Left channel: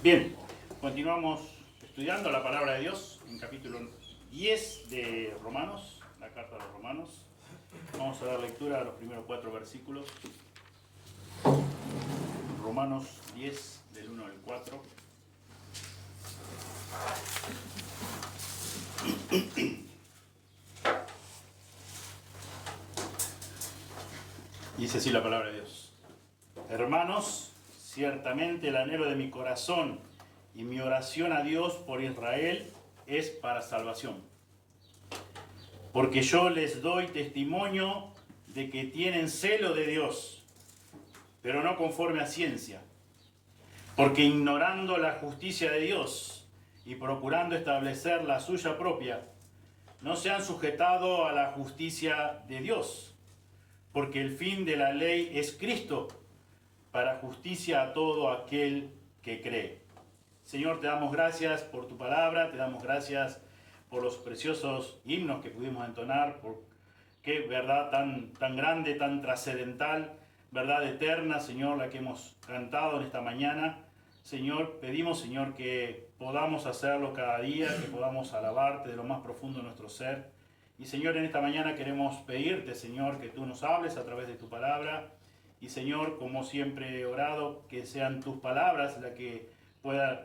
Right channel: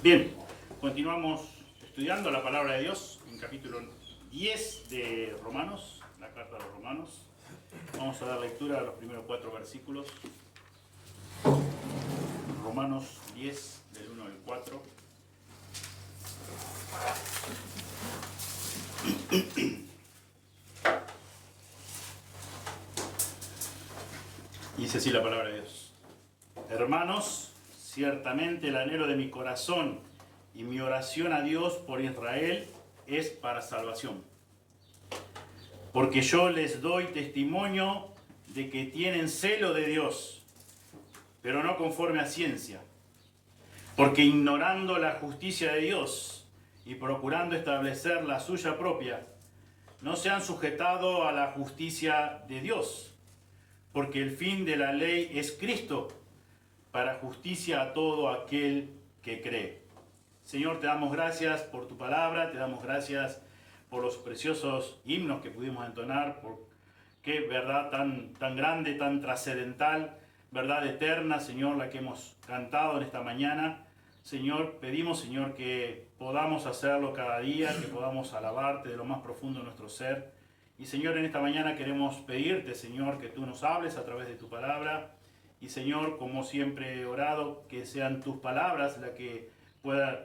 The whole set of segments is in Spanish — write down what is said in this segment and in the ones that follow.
Bien, continuamos estudiando la palabra de Dios en capítulo 10 de Romanos, la carta a los Romanos. Vamos a dar lectura a los primeros 4 versículos. Romanos 10, del 1 al 4. Dice así la palabra de Dios. Hermanos, ciertamente el anhelo de mi corazón y mi oración a Dios por Israel es para salvación. Porque yo les doy testimonio de que tienen celo de Dios, pero no conforme a ciencia. Porque ignorando la justicia de Dios y procurando establecer la suya propia, no se han sujetado a la justicia de Dios. Porque el fin de la ley es Cristo, para justicia a todo aquel que cree. Señor, te damos gracias por tu palabra, te damos gracias por los preciosos himnos que pudimos entonar, por qué verdad tan grande, tan trascendental, verdad eterna, Señor, la que hemos cantado en esta mañana. Señor, pedimos, Señor, que podamos hacerlo cada día, que podamos alabarte de lo más profundo de nuestro ser. Y Señor, en esta mañana queremos pedirte, Señor, que tú nos hables a través de tu palabra. Y Señor, como siempre he orado, que sean tus palabras las que puedan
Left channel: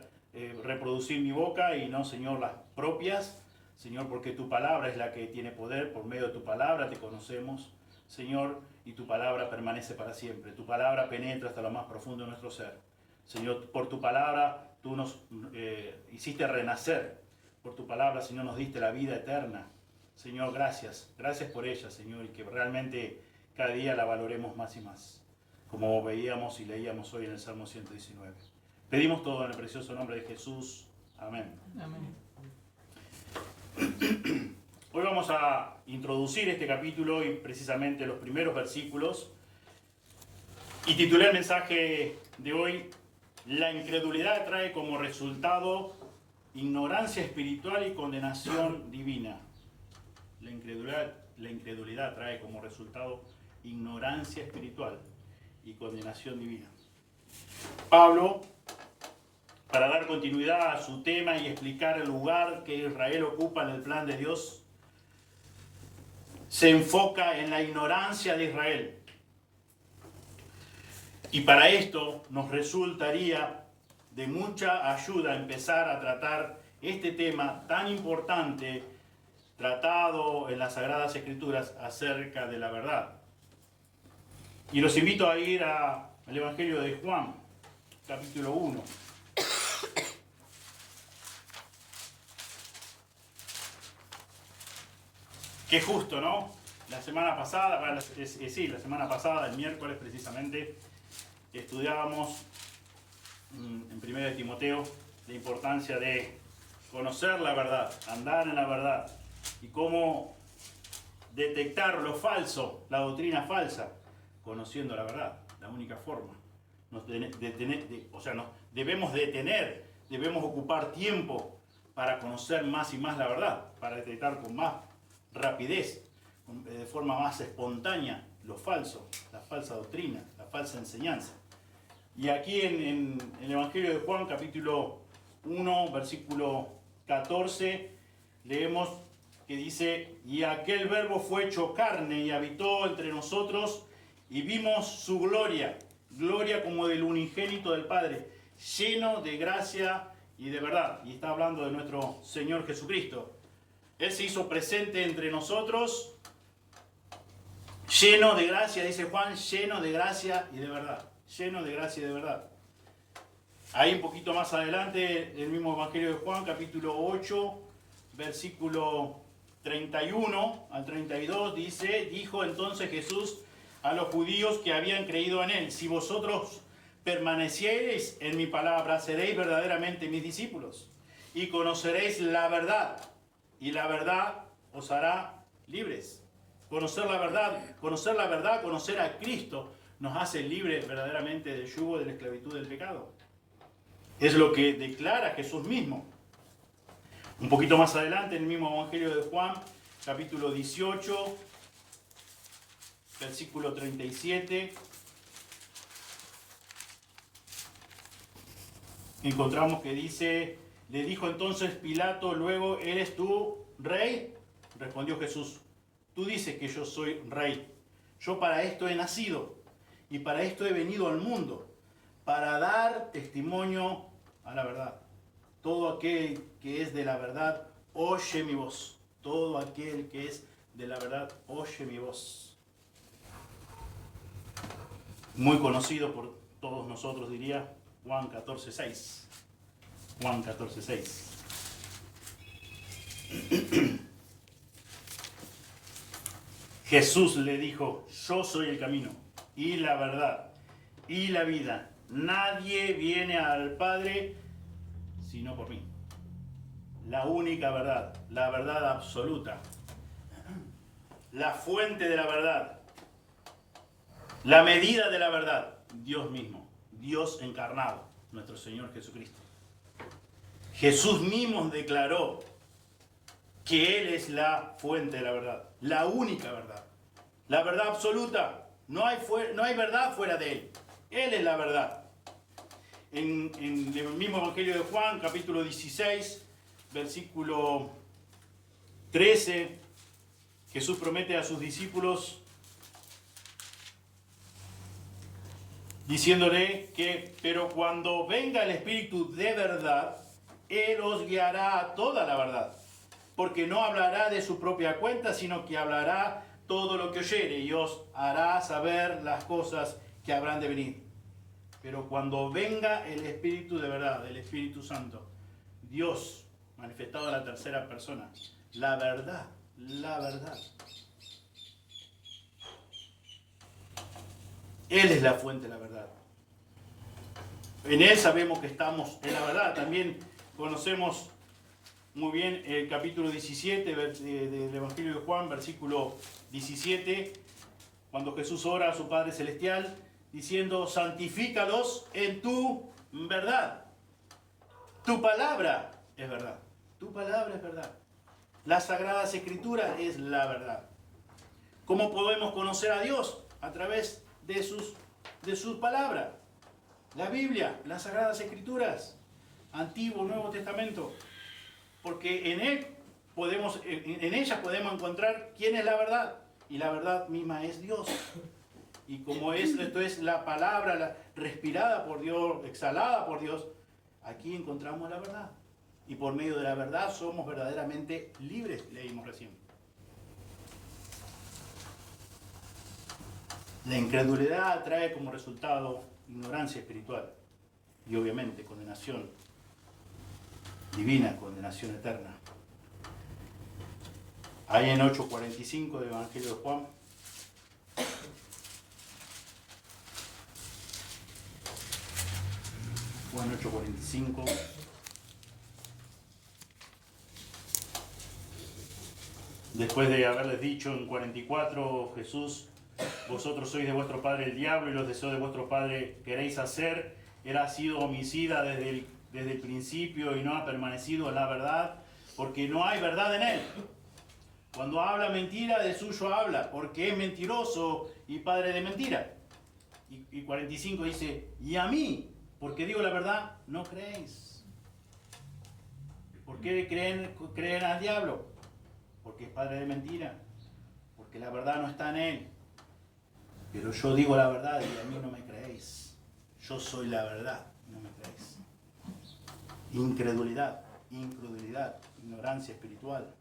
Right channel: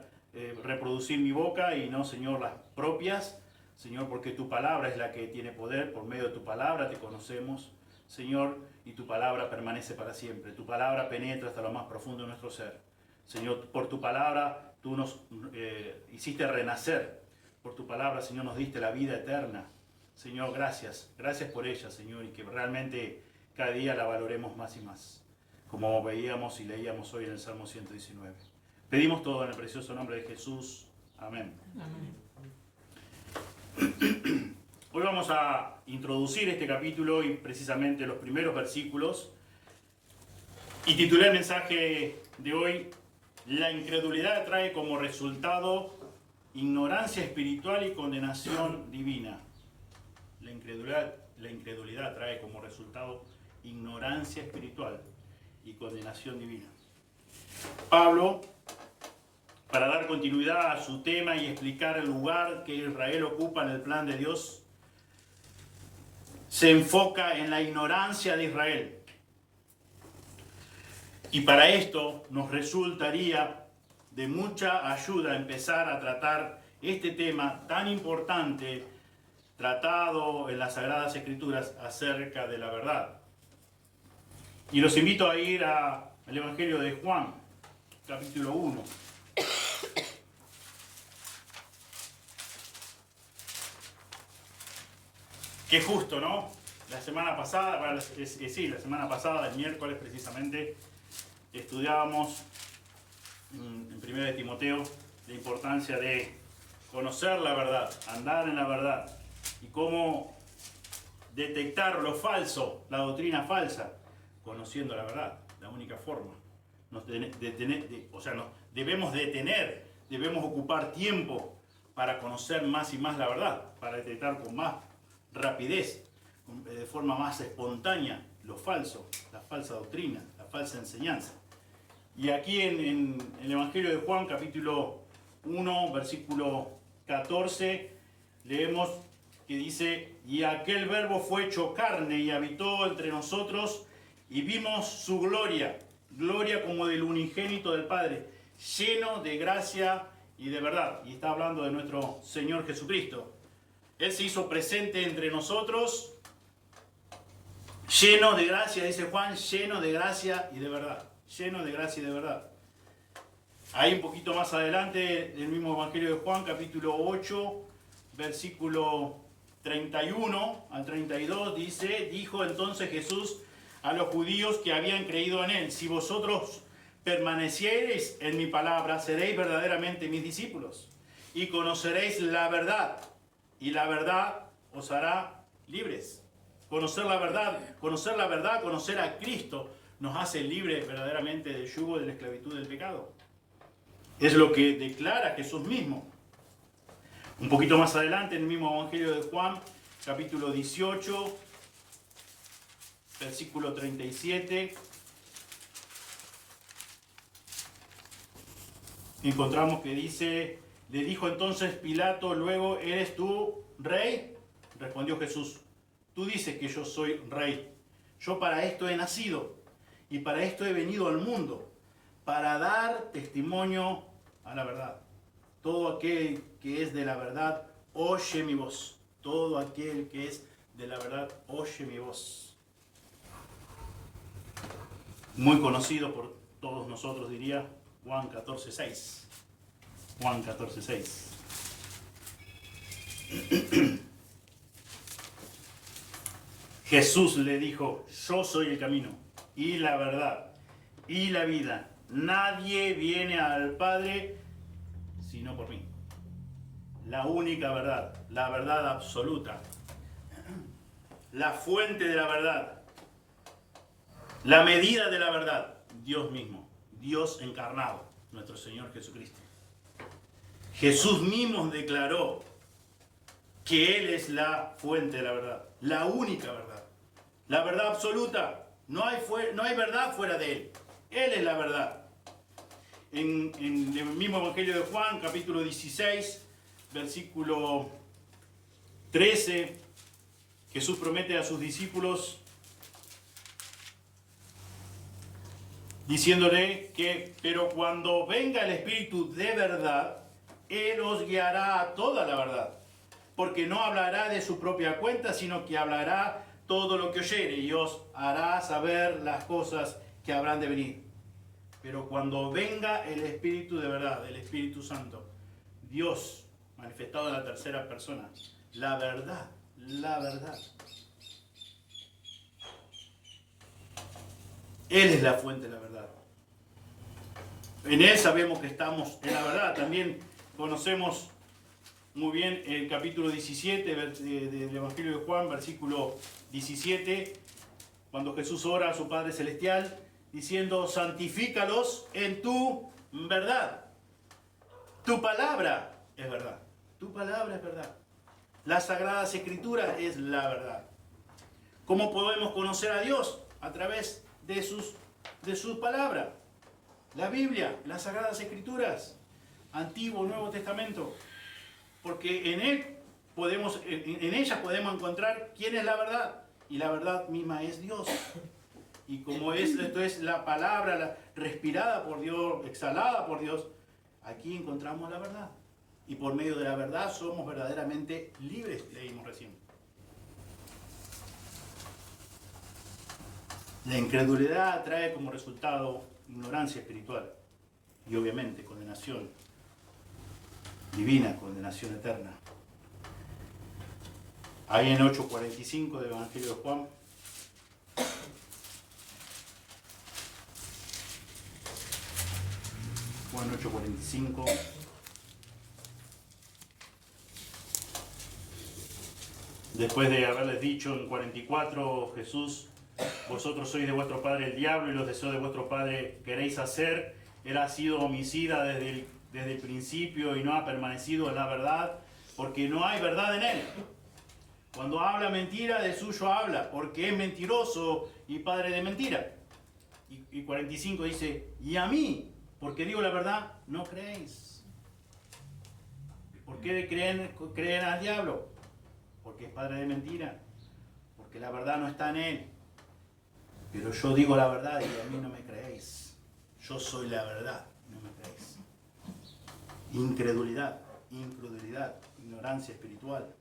reproducir mi boca y no, Señor, las propias. Señor, porque tu palabra es la que tiene poder, por medio de tu palabra te conocemos, Señor, y tu palabra permanece para siempre. Tu palabra penetra hasta lo más profundo de nuestro ser. Señor, por tu palabra tú nos hiciste renacer. Por tu palabra, Señor, nos diste la vida eterna. Señor, gracias. Gracias por ella, Señor, y que realmente cada día la valoremos más y más, como veíamos y leíamos hoy en el Salmo 119. Pedimos todo en el precioso nombre de Jesús. Amén. Amén. Hoy vamos a introducir este capítulo y precisamente los primeros versículos. Y titulé el mensaje de hoy: La incredulidad trae como resultado ignorancia espiritual y condenación divina. La incredulidad trae como resultado ignorancia espiritual y condenación divina. Pablo, para dar continuidad a su tema y explicar el lugar que Israel ocupa en el plan de Dios, se enfoca en la ignorancia de Israel. Y para esto nos resultaría de mucha ayuda empezar a tratar este tema tan importante tratado en las Sagradas Escrituras acerca de la verdad. Y los invito a ir al Evangelio de Juan, capítulo 1. Qué justo, ¿no? La semana pasada, la semana pasada, el miércoles precisamente, estudiábamos en 1 de Timoteo la importancia de conocer la verdad, andar en la verdad y cómo detectar lo falso, la doctrina falsa, conociendo la verdad, la única forma. Debemos ocupar tiempo para conocer más y más la verdad, para detectar con más rapidez, de forma más espontánea, lo falso, la falsa doctrina, la falsa enseñanza. Y aquí en el Evangelio de Juan, capítulo 1, versículo 14, leemos que dice: y aquel verbo fue hecho carne y habitó entre nosotros, y vimos su gloria, gloria como del unigénito del Padre, lleno de gracia y de verdad. Y está hablando de nuestro Señor Jesucristo. Él se hizo presente entre nosotros, lleno de gracia, dice Juan, lleno de gracia y de verdad. Lleno de gracia y de verdad. Ahí un poquito más adelante, el mismo Evangelio de Juan, capítulo 8, versículo 31 al 32, dice: dijo entonces Jesús a los judíos que habían creído en él: si vosotros permaneciereis en mi palabra, seréis verdaderamente mis discípulos, y conoceréis la verdad, y la verdad os hará libres. Conocer la verdad, conocer a Cristo, nos hace libres verdaderamente del yugo de la esclavitud del pecado. Es lo que declara Jesús mismo. Un poquito más adelante, en el mismo Evangelio de Juan, capítulo 18, versículo 37. encontramos que dice, le dijo entonces Pilato, luego, ¿eres tú rey? Respondió Jesús, tú dices que yo soy rey. Yo para esto he nacido y para esto he venido al mundo, para dar testimonio a la verdad. Todo aquel que es de la verdad, oye mi voz. Todo aquel que es de la verdad, oye mi voz. Muy conocido por todos nosotros, diría Juan 14:6. Juan 14:6. Jesús le dijo, yo soy el camino y la verdad y la vida. Nadie viene al Padre sino por mí. La única verdad, la verdad absoluta, la fuente de la verdad, la medida de la verdad, Dios mismo, Dios encarnado, nuestro Señor Jesucristo. Jesús mismo declaró que Él es la fuente de la verdad, la única verdad, la verdad absoluta. No hay verdad fuera de Él. Él es la verdad. En el mismo Evangelio de Juan, capítulo 16, versículo 13, Jesús promete a sus discípulos diciéndole que, pero cuando venga el Espíritu de verdad, Él os guiará a toda la verdad, porque no hablará de su propia cuenta, sino que hablará todo lo que oyere y os hará saber las cosas que habrán de venir. Pero cuando venga el Espíritu de verdad, el Espíritu Santo, Dios manifestado en la tercera persona, la verdad, Él es la fuente de la verdad. En Él sabemos que estamos en la verdad. También conocemos muy bien el capítulo 17 del Evangelio de Juan, versículo 17, cuando Jesús ora a su Padre Celestial, diciendo, santifícalos en tu verdad. Tu palabra es verdad. Tu palabra es verdad. Las Sagradas Escrituras es la verdad. ¿Cómo podemos conocer a Dios? A través de sus palabras. La Biblia, las Sagradas Escrituras, Antiguo, Nuevo Testamento. Porque en ellas podemos encontrar quién es la verdad. Y la verdad misma es Dios. Y como esto es la palabra respirada por Dios, exhalada por Dios, aquí encontramos la verdad. Y por medio de la verdad somos verdaderamente libres, leímos recién. La incredulidad trae como resultado ignorancia espiritual y obviamente condenación divina, condenación eterna. Ahí en 8:45 del Evangelio de Juan, Juan 8:45, después de haberles dicho en 44, Jesús, vosotros sois de vuestro padre el diablo y los deseos de vuestro padre queréis hacer, él ha sido homicida desde el principio y no ha permanecido en la verdad, porque no hay verdad en él. Cuando habla mentira, de suyo habla, porque es mentiroso y padre de mentira. Y 45 dice, y a mí, porque digo la verdad, no creéis. ¿Por qué creen al diablo? Porque es padre de mentira, porque la verdad no está en él. Pero yo digo la verdad y a mí no me creéis. Yo soy la verdad y no me creéis. Incredulidad, ignorancia espiritual.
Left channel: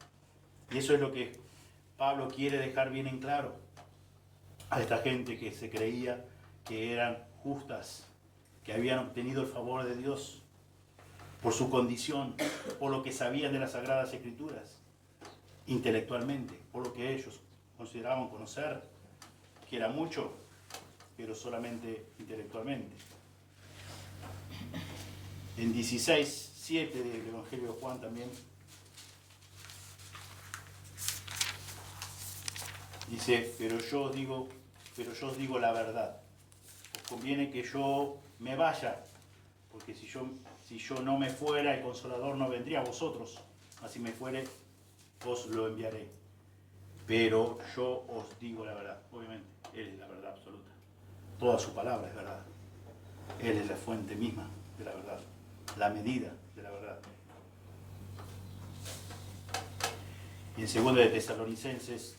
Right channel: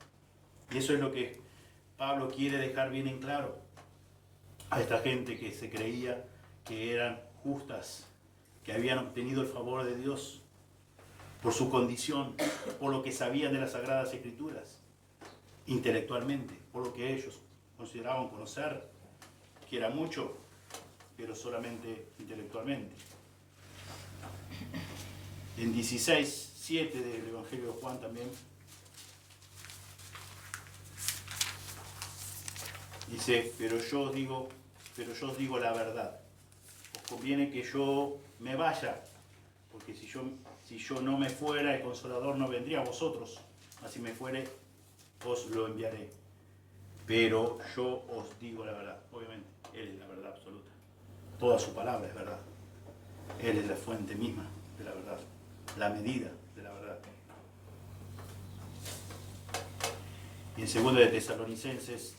Y eso es lo que Pablo quiere dejar bien en claro a esta gente que se creía que eran justas, que habían obtenido el favor de Dios por su condición, por lo que sabían de las Sagradas Escrituras, intelectualmente, por lo que ellos consideraban conocer, que era mucho, pero solamente intelectualmente. En 16:7 del Evangelio de Juan también dice, pero yo os digo la verdad. Os conviene que yo me vaya, porque si yo no me fuera, el Consolador no vendría a vosotros, mas si me fuere, os lo enviaré. Pero yo os digo la verdad. Obviamente, Él es la verdad absoluta. Toda su palabra es verdad. Él es la fuente misma de la verdad. la medida de la verdad. Y en 2 de Tesalonicenses,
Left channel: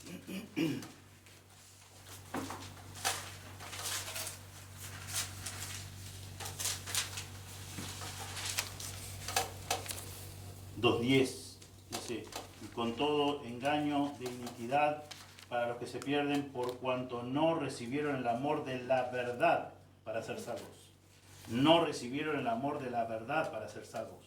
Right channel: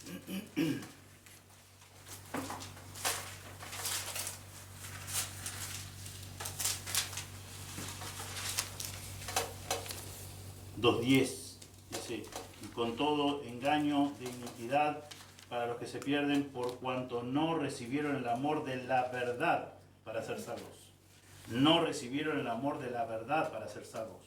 (2:10) dice: y con todo engaño de iniquidad para los que se pierden, por cuanto no recibieron el amor de la verdad para ser salvos. No recibieron el amor de la verdad para ser salvos.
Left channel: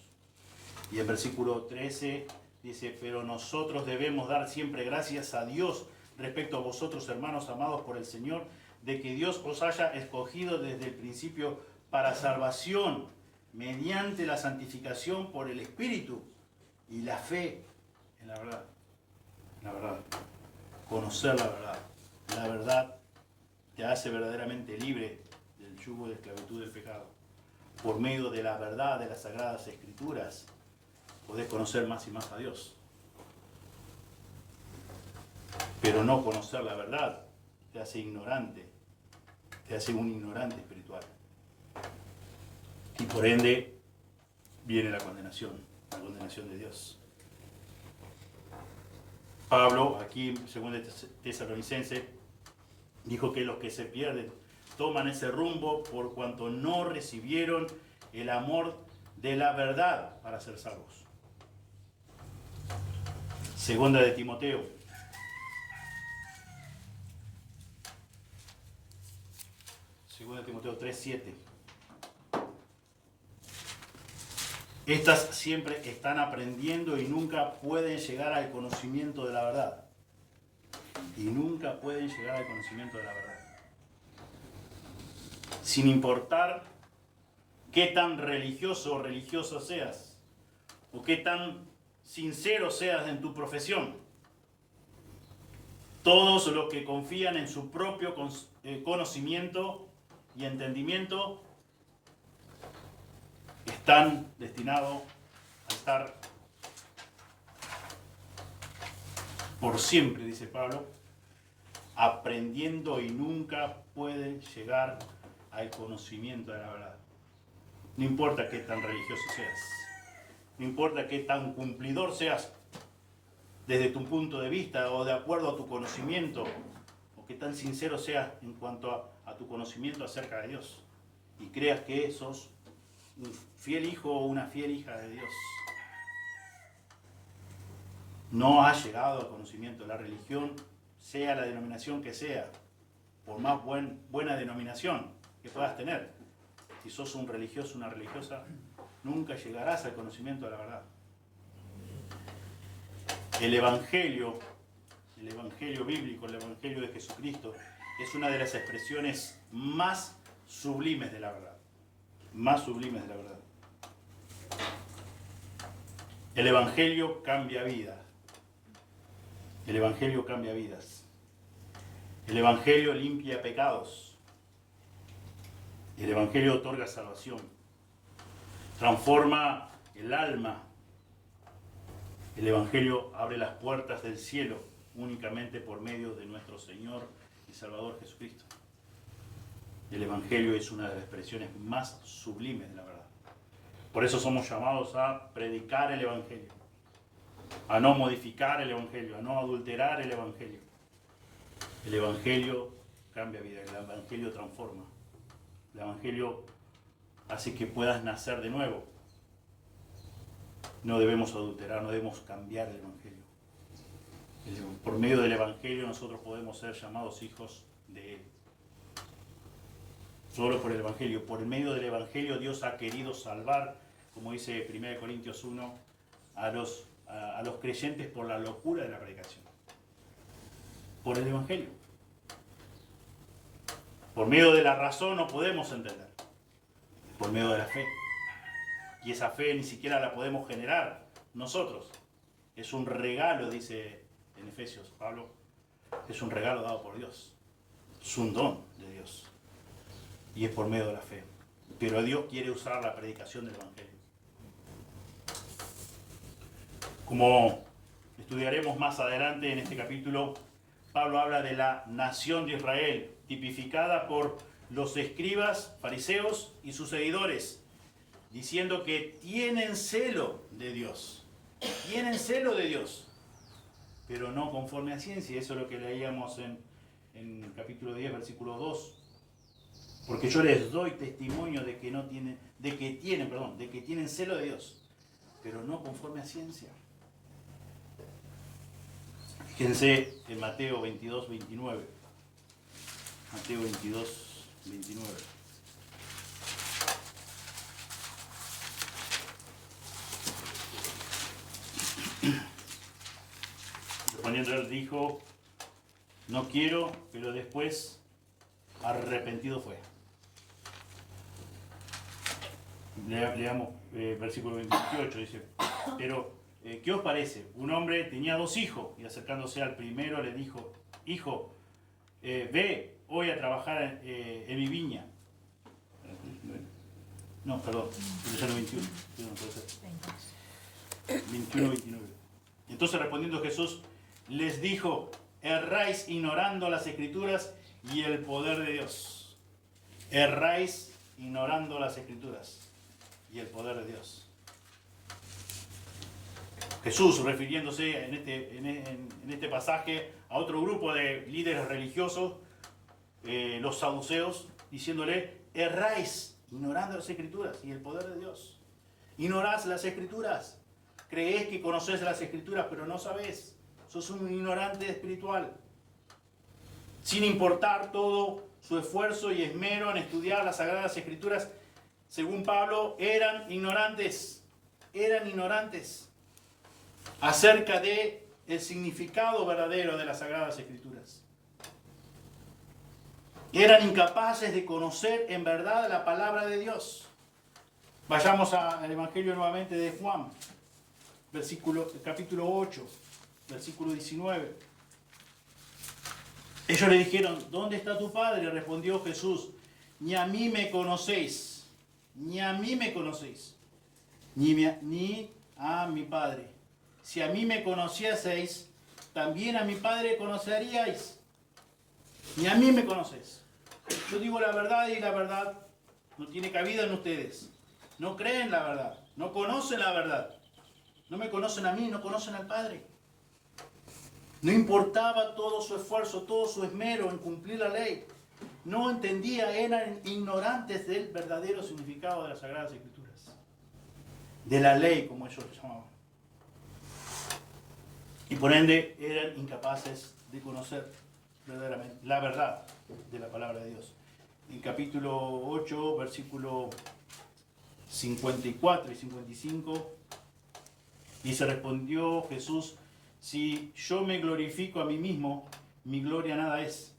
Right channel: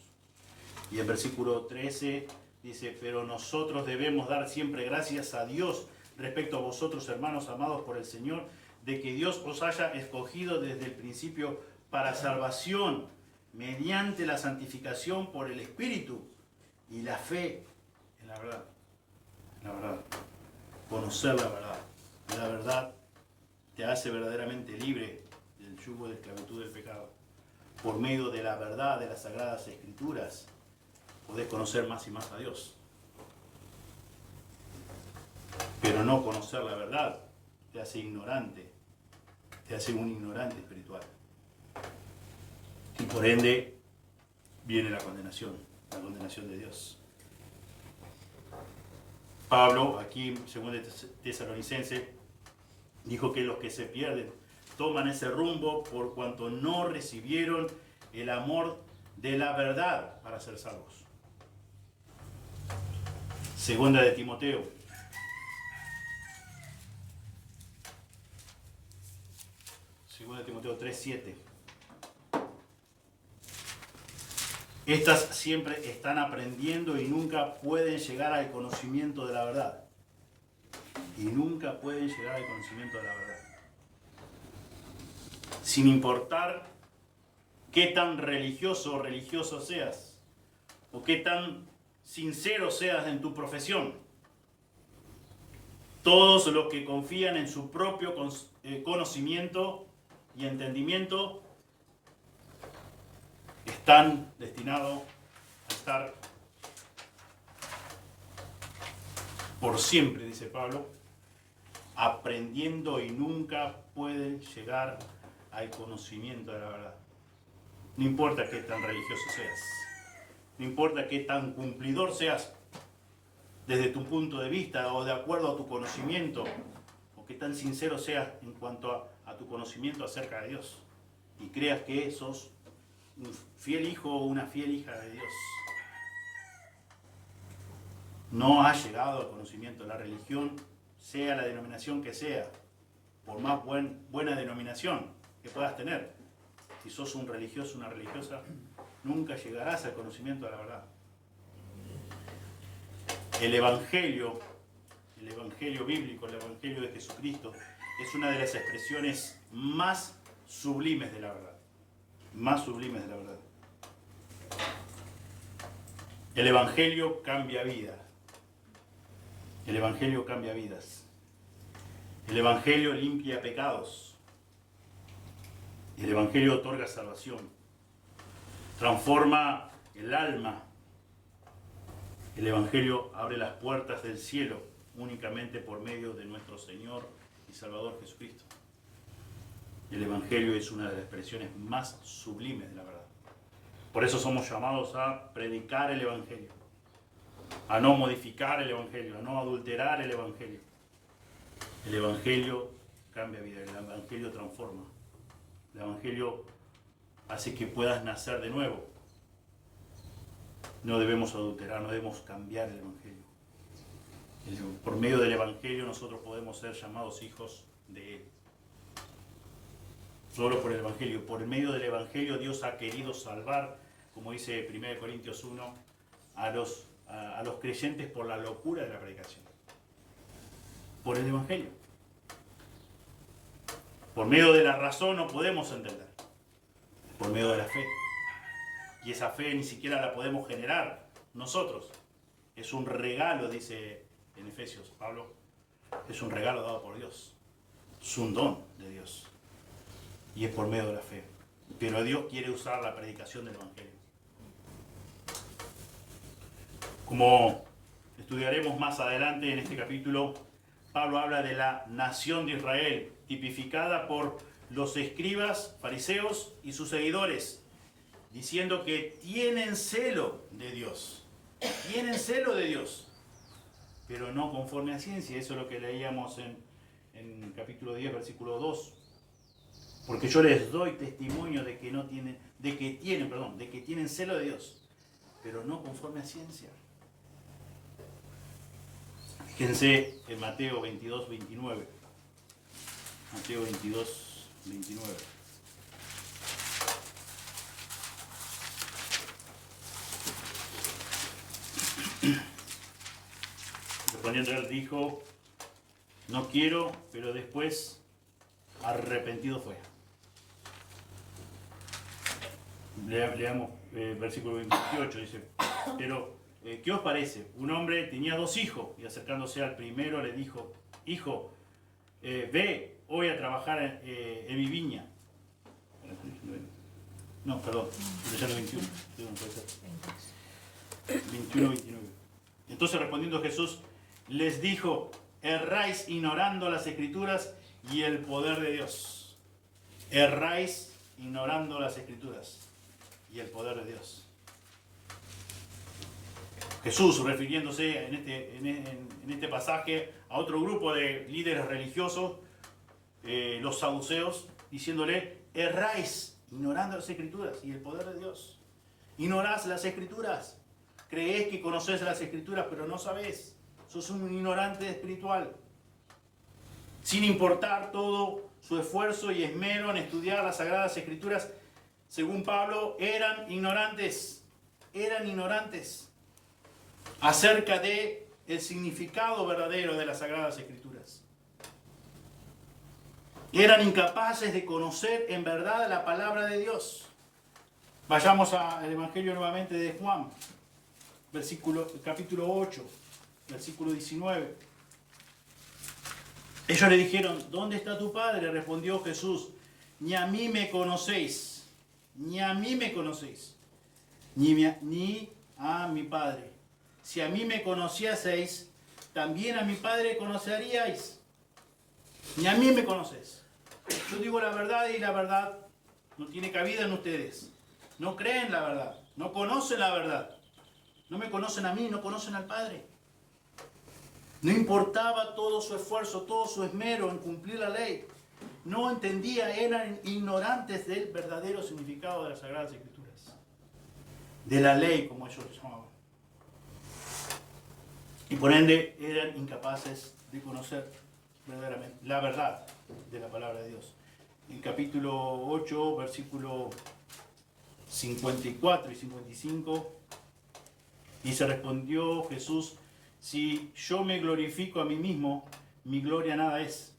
Y en versículo 13 dice: pero nosotros debemos dar siempre gracias a Dios respecto a vosotros, hermanos amados por el Señor, de que Dios os haya escogido desde el principio para salvación, mediante la santificación por el Espíritu y la fe en la verdad. La verdad. Conocer la verdad. La verdad te hace verdaderamente libre del yugo de esclavitud del pecado. Por medio de la verdad de las Sagradas Escrituras podés conocer más y más a Dios. Pero no conocer la verdad te hace ignorante, te hace un ignorante espiritual. Y por ende viene la condenación de Dios. Pablo, aquí en 2 Tesalonicenses, dijo que los que se pierden toman ese rumbo por cuanto no recibieron el amor de la verdad para ser salvos. 2 de Timoteo. 2 de Timoteo 3:7. Estas siempre están aprendiendo y nunca pueden llegar al conocimiento de la verdad. Y nunca pueden llegar al conocimiento de la verdad. Sin importar qué tan religioso o religiosa seas, o qué tan sincero seas en tu profesión. Todos los que confían en su propio conocimiento y entendimiento están destinados a estar por siempre, dice Pablo, aprendiendo y nunca pueden llegar al conocimiento de la verdad. No importa qué tan religioso seas, no importa qué tan cumplidor seas desde tu punto de vista o de acuerdo a tu conocimiento, o qué tan sincero seas en cuanto a tu conocimiento acerca de Dios, y creas que sos un fiel hijo o una fiel hija de Dios. No has llegado al conocimiento de la religión, sea la denominación que sea, por más buena denominación que puedas tener. Si sos un religioso, una religiosa, nunca llegarás al conocimiento de la verdad. El Evangelio bíblico, el Evangelio de Jesucristo, es una de las expresiones más sublimes de la verdad. Más sublimes de la verdad. El Evangelio cambia vida. El Evangelio cambia vidas. El Evangelio limpia pecados. El Evangelio otorga salvación. Transforma el alma. El Evangelio abre las puertas del cielo únicamente por medio de nuestro Señor y Salvador Jesucristo. El Evangelio es una de las expresiones más sublimes de la verdad. Por eso somos llamados a predicar el Evangelio, a no modificar el Evangelio, a no adulterar el Evangelio. El Evangelio cambia vida, el Evangelio transforma. El Evangelio hace que puedas nacer de nuevo. No debemos adulterar, no debemos cambiar el Evangelio. Por medio del Evangelio nosotros podemos ser llamados hijos de Él. Solo por el Evangelio. Por medio del Evangelio Dios ha querido salvar, como dice 1 Corintios 1, a los creyentes por la locura de la predicación. Por el Evangelio. Por medio de la razón no podemos entender. Por medio de la fe. Y esa fe ni siquiera la podemos generar nosotros. Es un regalo, dice en Efesios Pablo. Es un regalo dado por Dios. Es un don de Dios. Y es por medio de la fe. Pero Dios quiere usar la predicación del Evangelio. Como estudiaremos más adelante en este capítulo, Pablo habla de la nación de Israel, tipificada por los escribas, fariseos y sus seguidores, diciendo que tienen celo de Dios. Tienen celo de Dios, pero no conforme a ciencia. Eso es lo que leíamos en capítulo 10, versículo 2. Porque yo les doy testimonio de que tienen celo de Dios, pero no conforme a ciencia. Fíjense en Mateo 22, 29. Mateo 22, 29. Respondiendo él dijo, no quiero, pero después arrepentido fue. Leamos versículo 28, dice, pero ¿qué os parece? Un hombre tenía 2 hijos y acercándose al primero le dijo, hijo, ve hoy a trabajar en mi viña. No, perdón, 21, no puede ser. 21, 29. Entonces respondiendo Jesús les dijo, erráis ignorando las Escrituras y el poder de Dios. Erráis ignorando las Escrituras y el poder de Dios. Jesús, refiriéndose en este pasaje a otro grupo de líderes religiosos, los saduceos, diciéndole, erráis ignorando las Escrituras y el poder de Dios. Ignorás las Escrituras. Creés que conocés las Escrituras, pero no sabés. Sos un ignorante espiritual. Sin importar todo su esfuerzo y esmero en estudiar las Sagradas Escrituras, según Pablo, eran ignorantes acerca de el significado verdadero de las Sagradas Escrituras. Eran incapaces de conocer en verdad la palabra de Dios. Vayamos al Evangelio nuevamente de Juan, capítulo 8, versículo 19. Ellos le dijeron, ¿dónde está tu padre? Respondió Jesús, ni a mí me conocéis, ni a mí me conocéis, ni a mi Padre. Si a mí me conocieseis, también a mi Padre conoceríais. Ni a mí me conocéis. Yo digo la verdad y la verdad no tiene cabida en ustedes. No creen la verdad, no conocen la verdad. No me conocen a mí, no conocen al Padre. No importaba todo su esfuerzo, todo su esmero en cumplir la ley. No entendía, eran ignorantes del verdadero significado de las Sagradas Escrituras. De la ley, como ellos lo llamaban. Y por ende eran incapaces de conocer verdaderamente la verdad de la palabra de Dios. En capítulo 8, versículo 54 y 55, dice, respondió Jesús, si yo me glorifico a mí mismo, mi gloria nada es.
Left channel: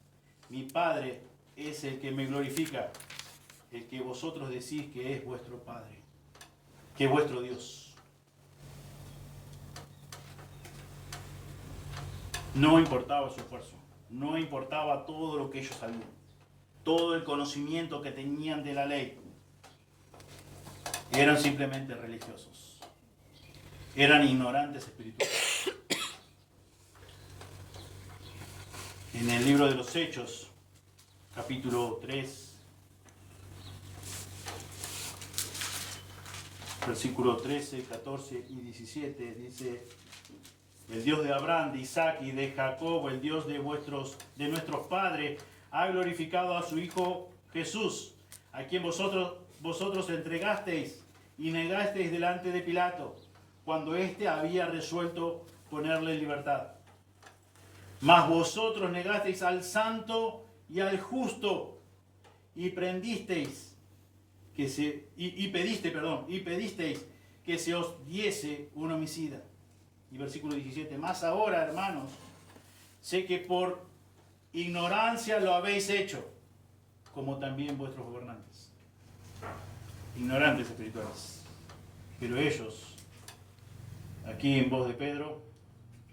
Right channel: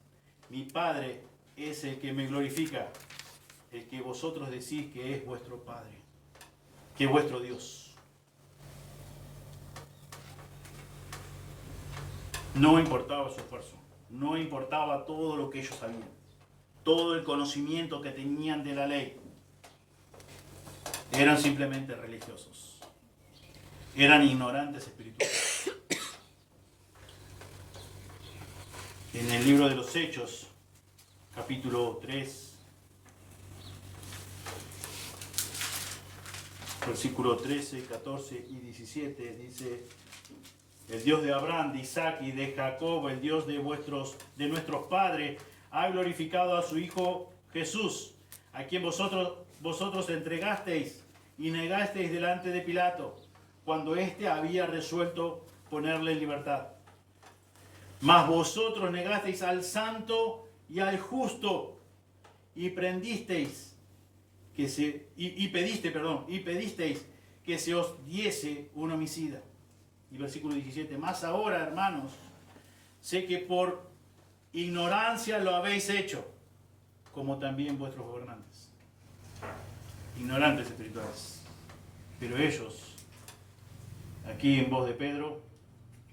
Mi Padre es el que me glorifica, el que vosotros decís que es vuestro Padre, que es vuestro Dios. No importaba su esfuerzo, no importaba todo lo que ellos sabían, todo el conocimiento que tenían de la ley. Eran simplemente religiosos, eran ignorantes espirituales. En el libro de los Hechos, capítulo 3, versículo 13, 14 y 17, dice, el Dios de Abraham, de Isaac y de Jacob, el Dios de nuestros padres, ha glorificado a su Hijo Jesús, a quien vosotros entregasteis y negasteis delante de Pilato, cuando éste había resuelto ponerle en libertad. Mas vosotros negasteis al santo y al justo, y pedisteis que se os diese un homicida. Y versículo 17, más ahora, hermanos, sé que por ignorancia lo habéis hecho, como también vuestros gobernantes. Ignorantes espirituales. Pero ellos, aquí en voz de Pedro,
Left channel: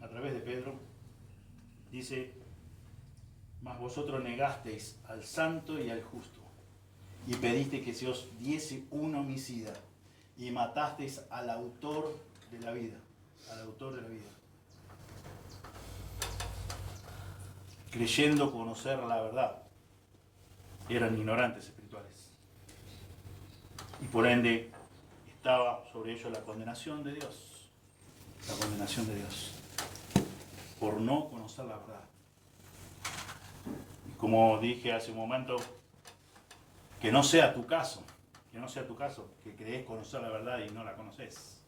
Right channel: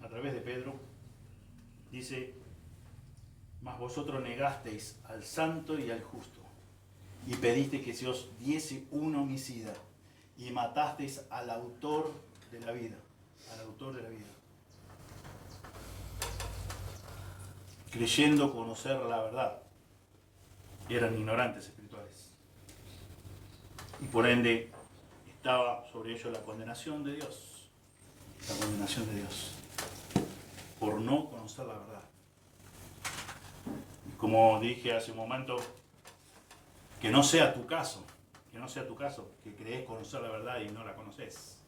a través de Pedro, dice, mas vosotros negasteis al santo y al justo, y pediste que se os diese un homicida, y matasteis al autor de la vida. Al autor de la vida. Creyendo conocer la verdad, eran ignorantes espirituales. Y por ende, estaba sobre ellos la condenación de Dios. La condenación de Dios. Por no conocer la verdad. Y como dije hace un momento, que no sea tu caso. Que no sea tu caso, que crees conocer la verdad y no la conoces.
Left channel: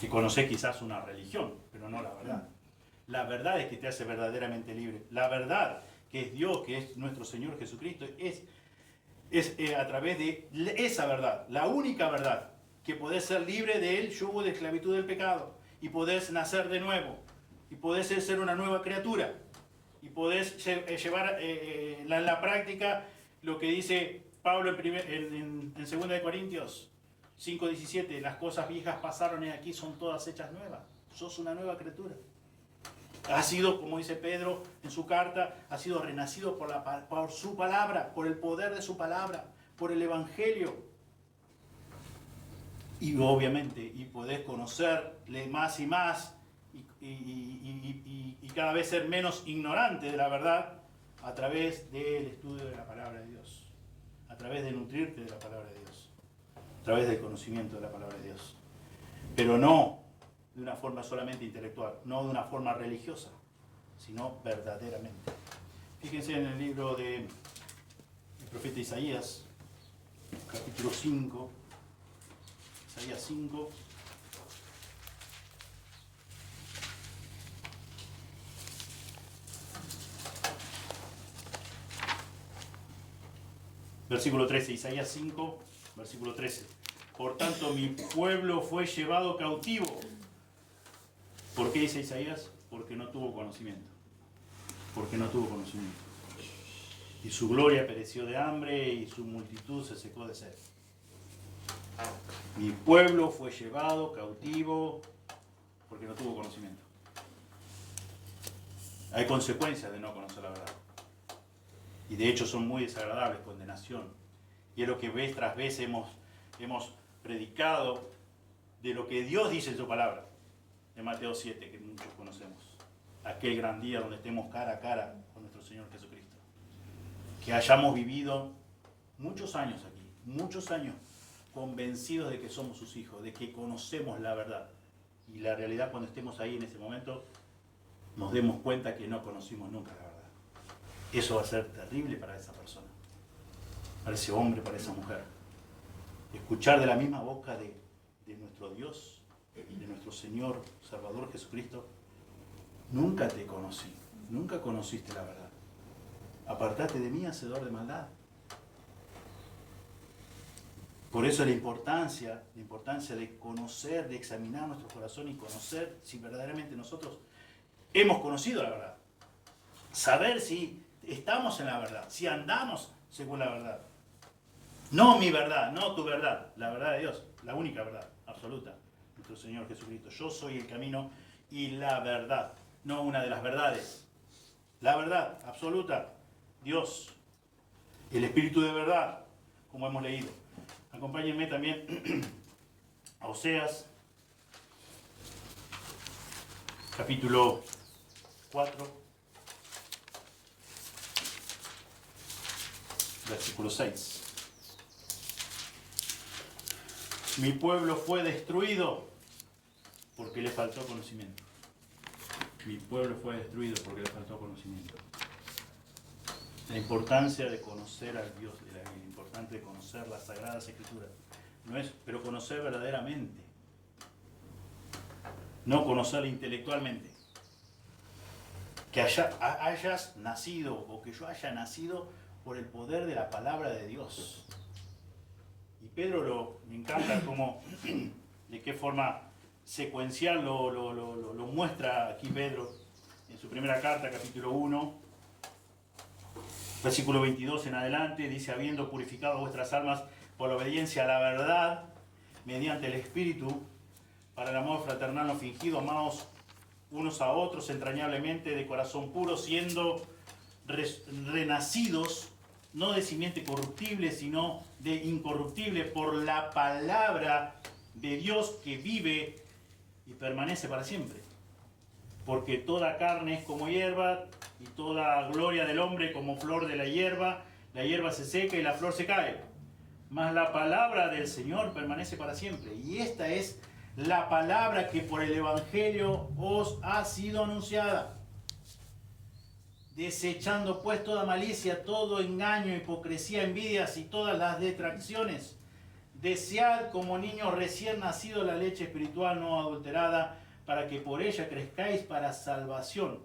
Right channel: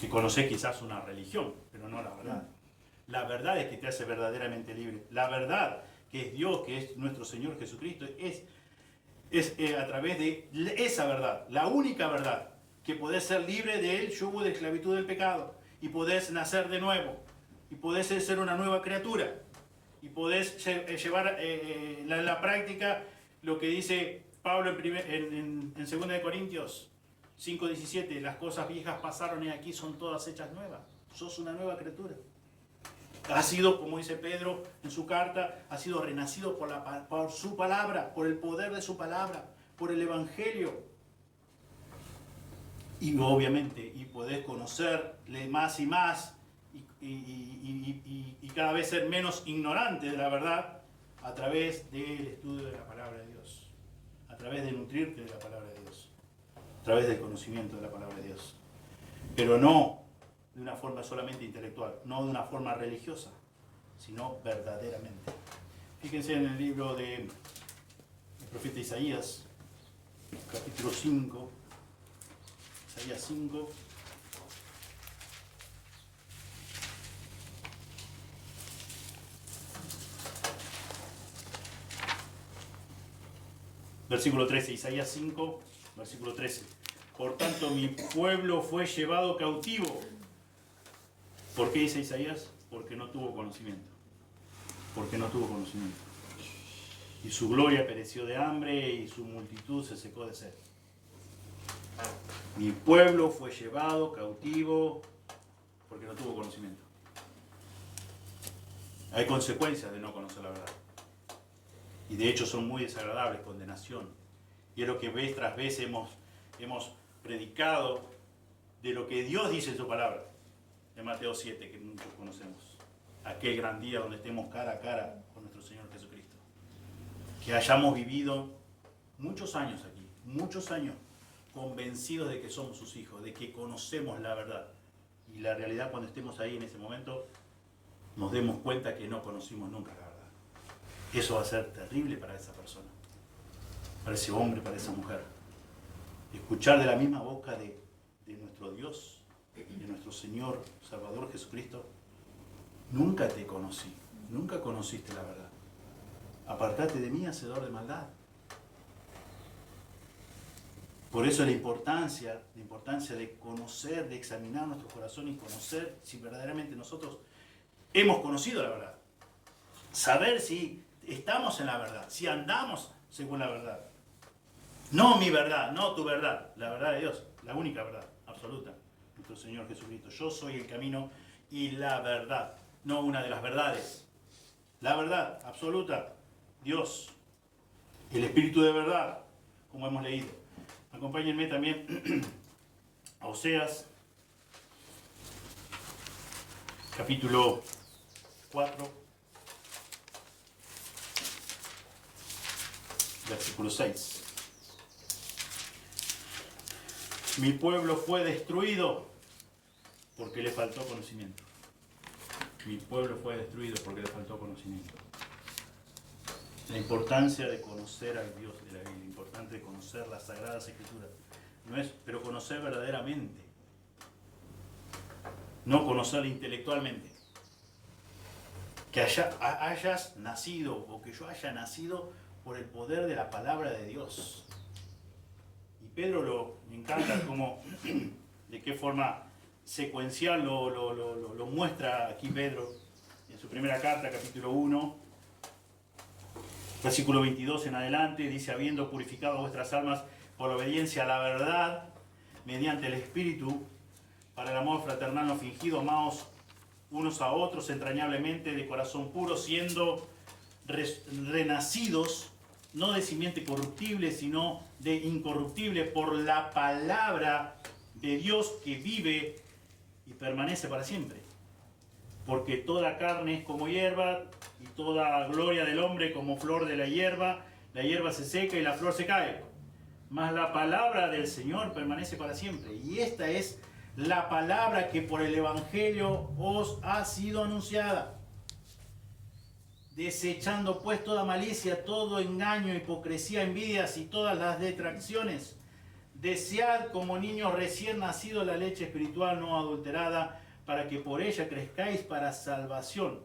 Que conoces quizás una religión, pero no la verdad. La verdad es que te hace verdaderamente libre. La verdad que es Dios, que es nuestro Señor Jesucristo, es a través de esa verdad, la única verdad, que podés ser libre del yugo de esclavitud del pecado, y podés nacer de nuevo, y podés ser una nueva criatura, y podés llevar en la práctica lo que dice Pablo en 2 de Corintios 5:17, las cosas viejas pasaron y aquí son todas hechas nuevas. Sos una nueva criatura. Ha sido, como dice Pedro en su carta, ha sido renacido por su palabra, por el poder de su palabra, por el Evangelio. Y obviamente, y podés conocerle más y más, y cada vez ser menos ignorante de la verdad a través del estudio de la palabra de Dios, a través de nutrirte de la palabra de Dios, a través del conocimiento de la palabra de Dios. Pero no de una forma solamente intelectual, no de una forma religiosa, sino verdaderamente. Fíjense en el libro del profeta Isaías, capítulo 5, Isaías 5. Versículo 13, Isaías 5, versículo 13. Por tanto, mi pueblo fue llevado cautivo. ¿Por qué dice Isaías? Porque no tuvo conocimiento. Porque no tuvo conocimiento. Y su gloria pereció de hambre y su multitud se secó de sed. Mi pueblo fue llevado cautivo porque no tuvo conocimiento. Hay consecuencias de no conocer la verdad. Y de hecho son muy desagradables, condenación. Y es lo que vez tras vez hemos predicado de lo que Dios dice en su palabra. De Mateo 7, que muchos conocemos. Aquel gran día donde estemos cara a cara con nuestro Señor Jesucristo. Que hayamos vivido muchos años aquí, muchos años, convencidos de que somos sus hijos, de que conocemos la verdad. Y la realidad, cuando estemos ahí en ese momento, nos demos cuenta que no conocimos nunca la verdad. Eso va a ser terrible para esa persona, para ese hombre, para esa mujer. Escuchar de la misma boca de nuestro Dios, de nuestro Señor Salvador Jesucristo: nunca te conocí, nunca conociste la verdad. Apartate de mí, hacedor de maldad. Por eso la importancia de conocer, de examinar nuestro corazón y conocer si verdaderamente nosotros hemos conocido la verdad. Saber si estamos en la verdad, si andamos según la verdad. No mi verdad, no tu verdad, la verdad de Dios, la única verdad absoluta, nuestro Señor Jesucristo. Yo soy el camino y la verdad, no una de las verdades. La verdad absoluta, Dios, el Espíritu de verdad, como hemos leído. Acompáñenme también a Oseas, capítulo 4, versículo 6. Mi pueblo fue destruido porque le faltó conocimiento. Mi pueblo fue destruido porque le faltó conocimiento. La importancia de conocer al Dios, la importancia de conocer las Sagradas Escrituras, no es, pero conocer verdaderamente, no conocer intelectualmente. Que hayas nacido, o que yo haya nacido por el poder de la palabra de Dios. Y Pedro me encanta cómo, de qué forma secuencial lo muestra aquí Pedro en su primera carta, capítulo 1. Versículo 22 en adelante, dice: habiendo purificado vuestras almas por la obediencia a la verdad, mediante el Espíritu, para el amor fraternal no fingido, amaos unos a otros entrañablemente de corazón puro, siendo renacidos, no de simiente corruptible, sino de incorruptible, por la palabra de Dios que vive y permanece para siempre. Porque toda carne es como hierba, y toda gloria del hombre como flor de la hierba se seca y la flor se cae. mas la palabra del Señor permanece para siempre. Y esta es la palabra que por el Evangelio os ha sido anunciada. Desechando pues toda malicia, todo engaño, hipocresía, envidias y todas las detracciones. Desead como niños recién nacidos la leche espiritual no adulterada, para que por ella crezcáis para salvación,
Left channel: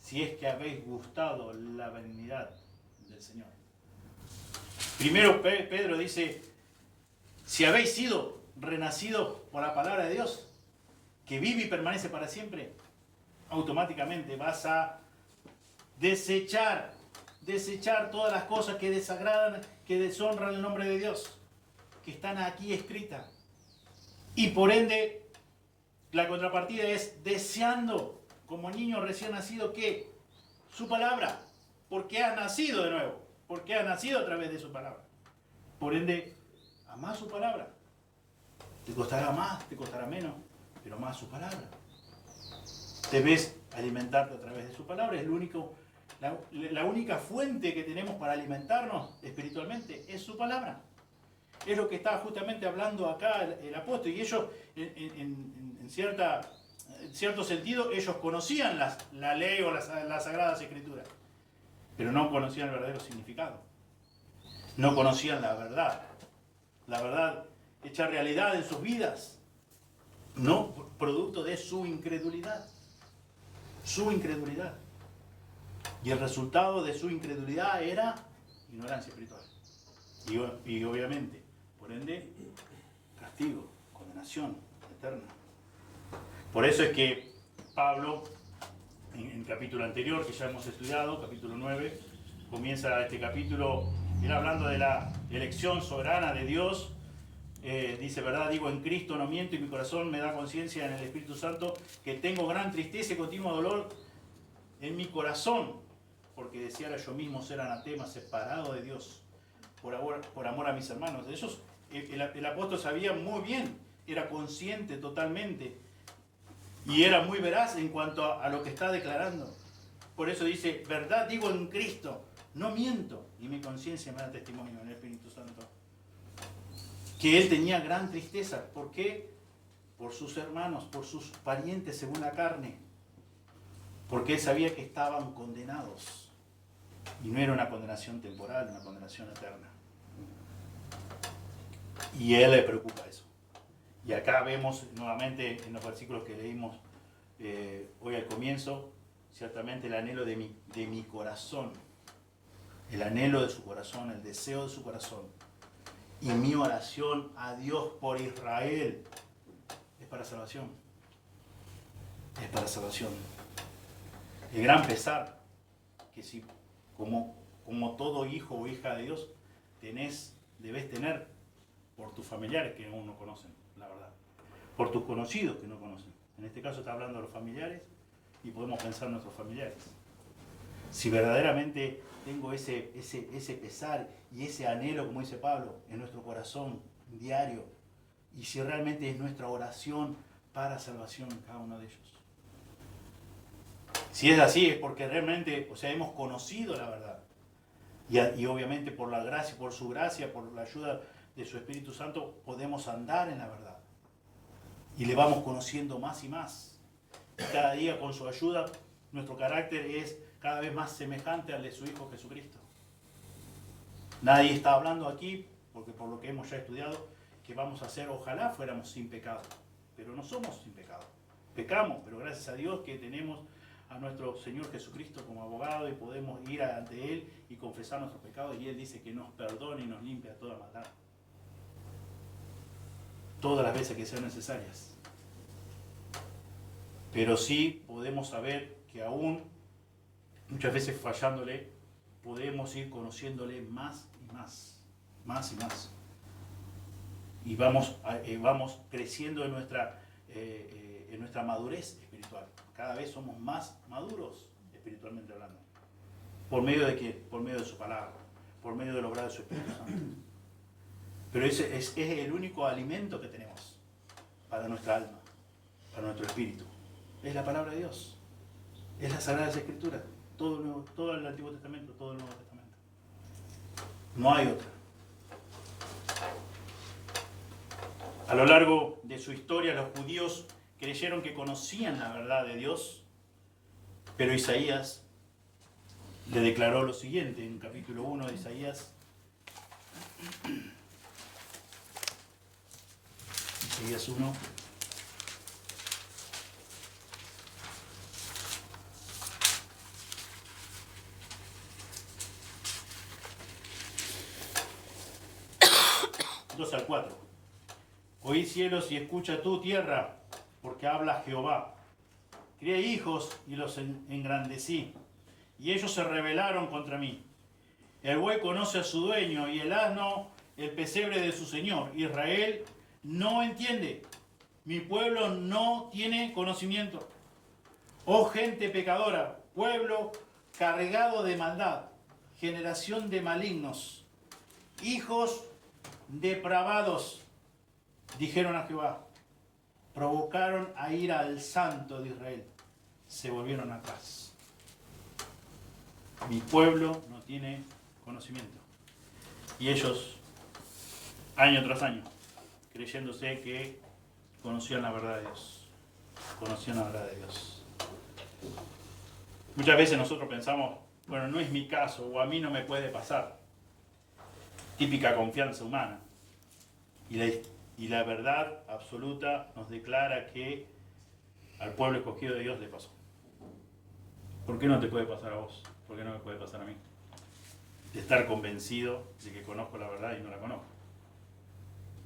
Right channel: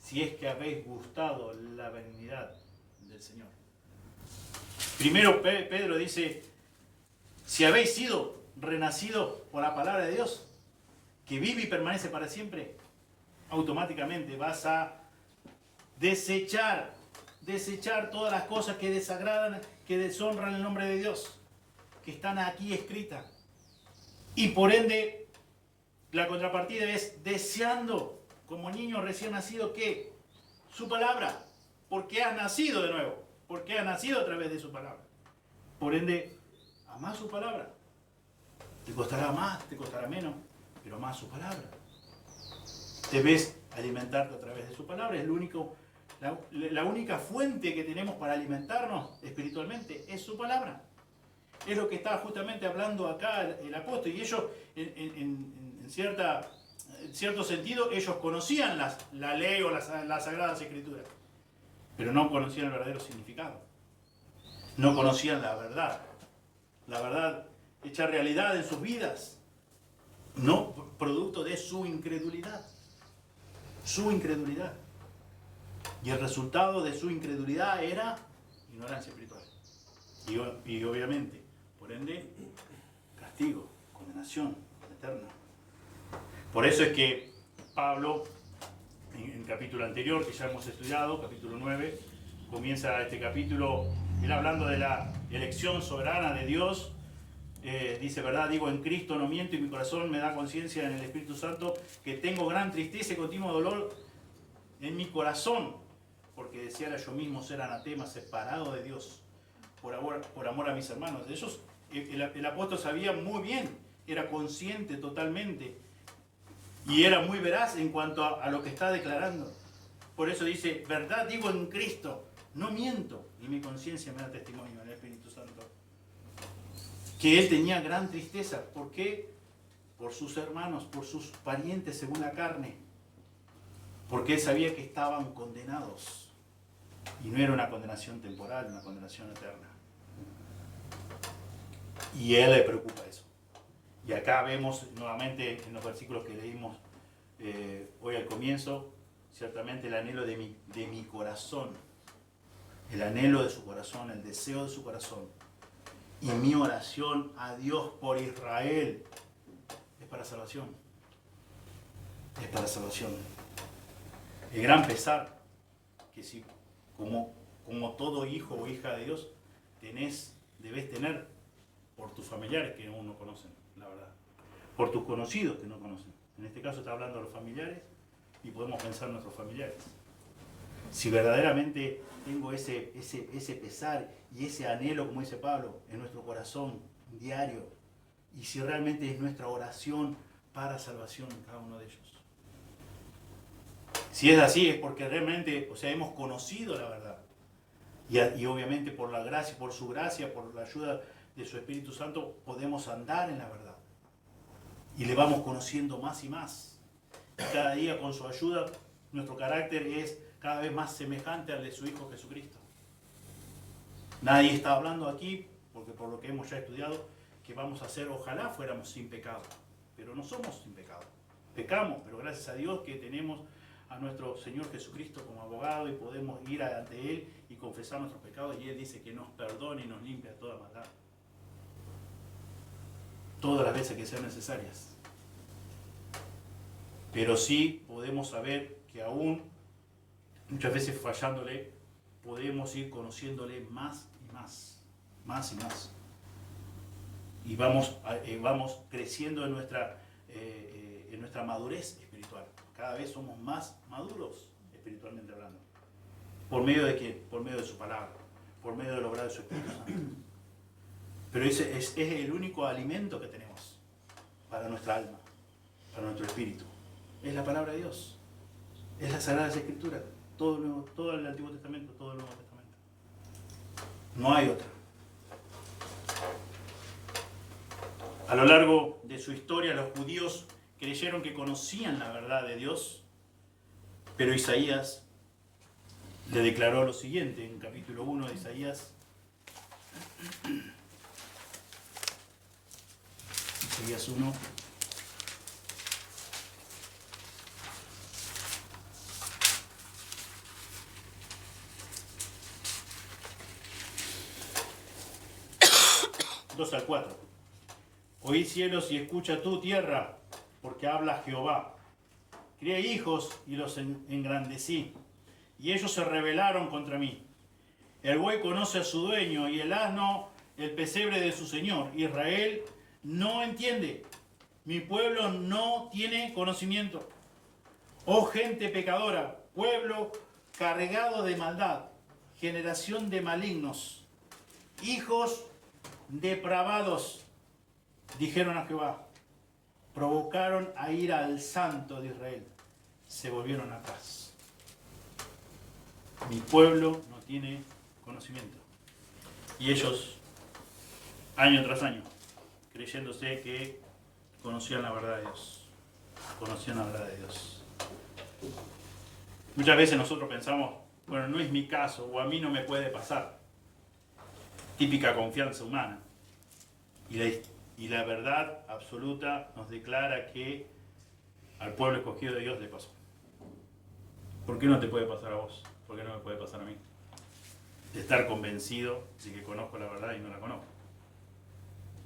si es que habéis gustado la benignidad del Señor. Primero Pedro dice, si habéis sido renacidos por la palabra de Dios, que vive y permanece para siempre, automáticamente vas a desechar todas las cosas que desagradan, que deshonran el nombre de Dios, que están aquí escritas. Y por ende, la contrapartida es deseando, como niño recién nacido, que su palabra, porque has nacido de nuevo, porque has nacido a través de su palabra. Por ende, amás su palabra. Te costará más, te costará menos, pero amás su palabra. Debes alimentarte a través de su palabra. Es la única fuente que tenemos para alimentarnos espiritualmente es su palabra. Es lo que está justamente hablando acá el apóstol. Y ellos, en cierto sentido, ellos conocían la ley o las sagradas escrituras, pero no conocían el verdadero significado. No conocían la verdad hecha realidad en sus vidas, no producto de su incredulidad. Su incredulidad. Y el resultado de su incredulidad era ignorancia espiritual. Y obviamente, por ende, castigo, condenación eterna. Por eso es que Pablo, en el capítulo anterior que ya hemos estudiado, capítulo 9, comienza este capítulo, él hablando de la elección soberana de Dios. Dice, verdad, digo, en Cristo no miento, y mi corazón me da conciencia en el Espíritu Santo que tengo gran tristeza y continuo dolor en mi corazón, porque deseara yo mismo ser anatema, separado de Dios, por amor a mis hermanos. Ellos, el apóstol sabía muy bien, era consciente totalmente, y era muy veraz en cuanto a lo que está declarando. Por eso dice, verdad, digo, en Cristo no miento, y mi conciencia me da testimonio en el Espíritu Santo. Que él tenía gran tristeza. ¿Por qué? Por sus hermanos, por sus parientes según la carne. Porque él sabía que estaban condenados. Y no era una condenación temporal, una condenación eterna. Y a él le preocupa eso. Y acá vemos nuevamente en los versículos que leímos hoy al comienzo, ciertamente el anhelo de mi corazón. El anhelo de su corazón, el deseo de su corazón. Y mi oración a Dios por Israel es para salvación. Es para salvación. El gran pesar que si como todo hijo o hija de Dios debes tener por tus familiares que aún no conocen, la verdad. Por tus conocidos que no conocen. En este caso está hablando de los familiares y podemos pensar en nuestros familiares. Si verdaderamente tengo ese pesar y ese anhelo, como dice Pablo, en nuestro corazón diario, y si realmente es nuestra oración para salvación en cada uno de ellos. Si es así, es porque realmente, hemos conocido la verdad. Y obviamente por la gracia, por su gracia, por la ayuda de su Espíritu Santo, podemos andar en la verdad. Y le vamos conociendo más y más. Y cada día con su ayuda, nuestro carácter es cada vez más semejante al de su Hijo Jesucristo. Nadie está hablando aquí, porque por lo que hemos ya estudiado, que vamos a hacer, ojalá fuéramos sin pecado, pero no somos sin pecado. Pecamos, pero gracias a Dios que tenemos a nuestro Señor Jesucristo como abogado y podemos ir ante Él y confesar nuestros pecados, y Él dice que nos perdone y nos limpia toda maldad. Todas las veces que sean necesarias. Pero sí podemos saber que aún, muchas veces fallándole, podemos ir conociéndole más y más. Más y más. Y vamos creciendo en nuestra madurez espiritual. Cada vez somos más maduros espiritualmente hablando. ¿Por medio de qué? Por medio de su palabra. Por medio del obrar de su Espíritu Santo. Pero ese es el único alimento que tenemos para nuestra alma, para nuestro espíritu. Es la palabra de Dios. Es las Sagradas Escrituras. Todo el Antiguo Testamento, todo el Nuevo Testamento. No hay otra. A lo largo de su historia, los judíos creyeron que conocían la verdad de Dios, pero Isaías le declaró lo siguiente en capítulo 1 de Isaías. Isaías 1. Al 4. Oí cielos y escucha tú tierra, porque habla Jehová. Crié hijos y los engrandecí, y ellos se rebelaron contra mí. El buey conoce a su dueño, y el asno el pesebre de su señor. Israel no entiende, mi pueblo no tiene conocimiento. Oh gente pecadora, pueblo cargado de maldad, generación de malignos, hijos depravados, dijeron a Jehová, provocaron a ir al Santo de Israel, se volvieron atrás. Mi pueblo no tiene conocimiento. Y ellos, año tras año, creyéndose que conocían la verdad de Dios. Conocían la verdad de Dios. Muchas veces nosotros pensamos, bueno, no es mi caso, o a mí no me puede pasar. Típica confianza humana. Y la verdad absoluta nos declara que al pueblo escogido de Dios le pasó. ¿Por qué no te puede pasar a vos? ¿Por qué no me puede pasar a mí? De estar convencido de que conozco la verdad y no la conozco.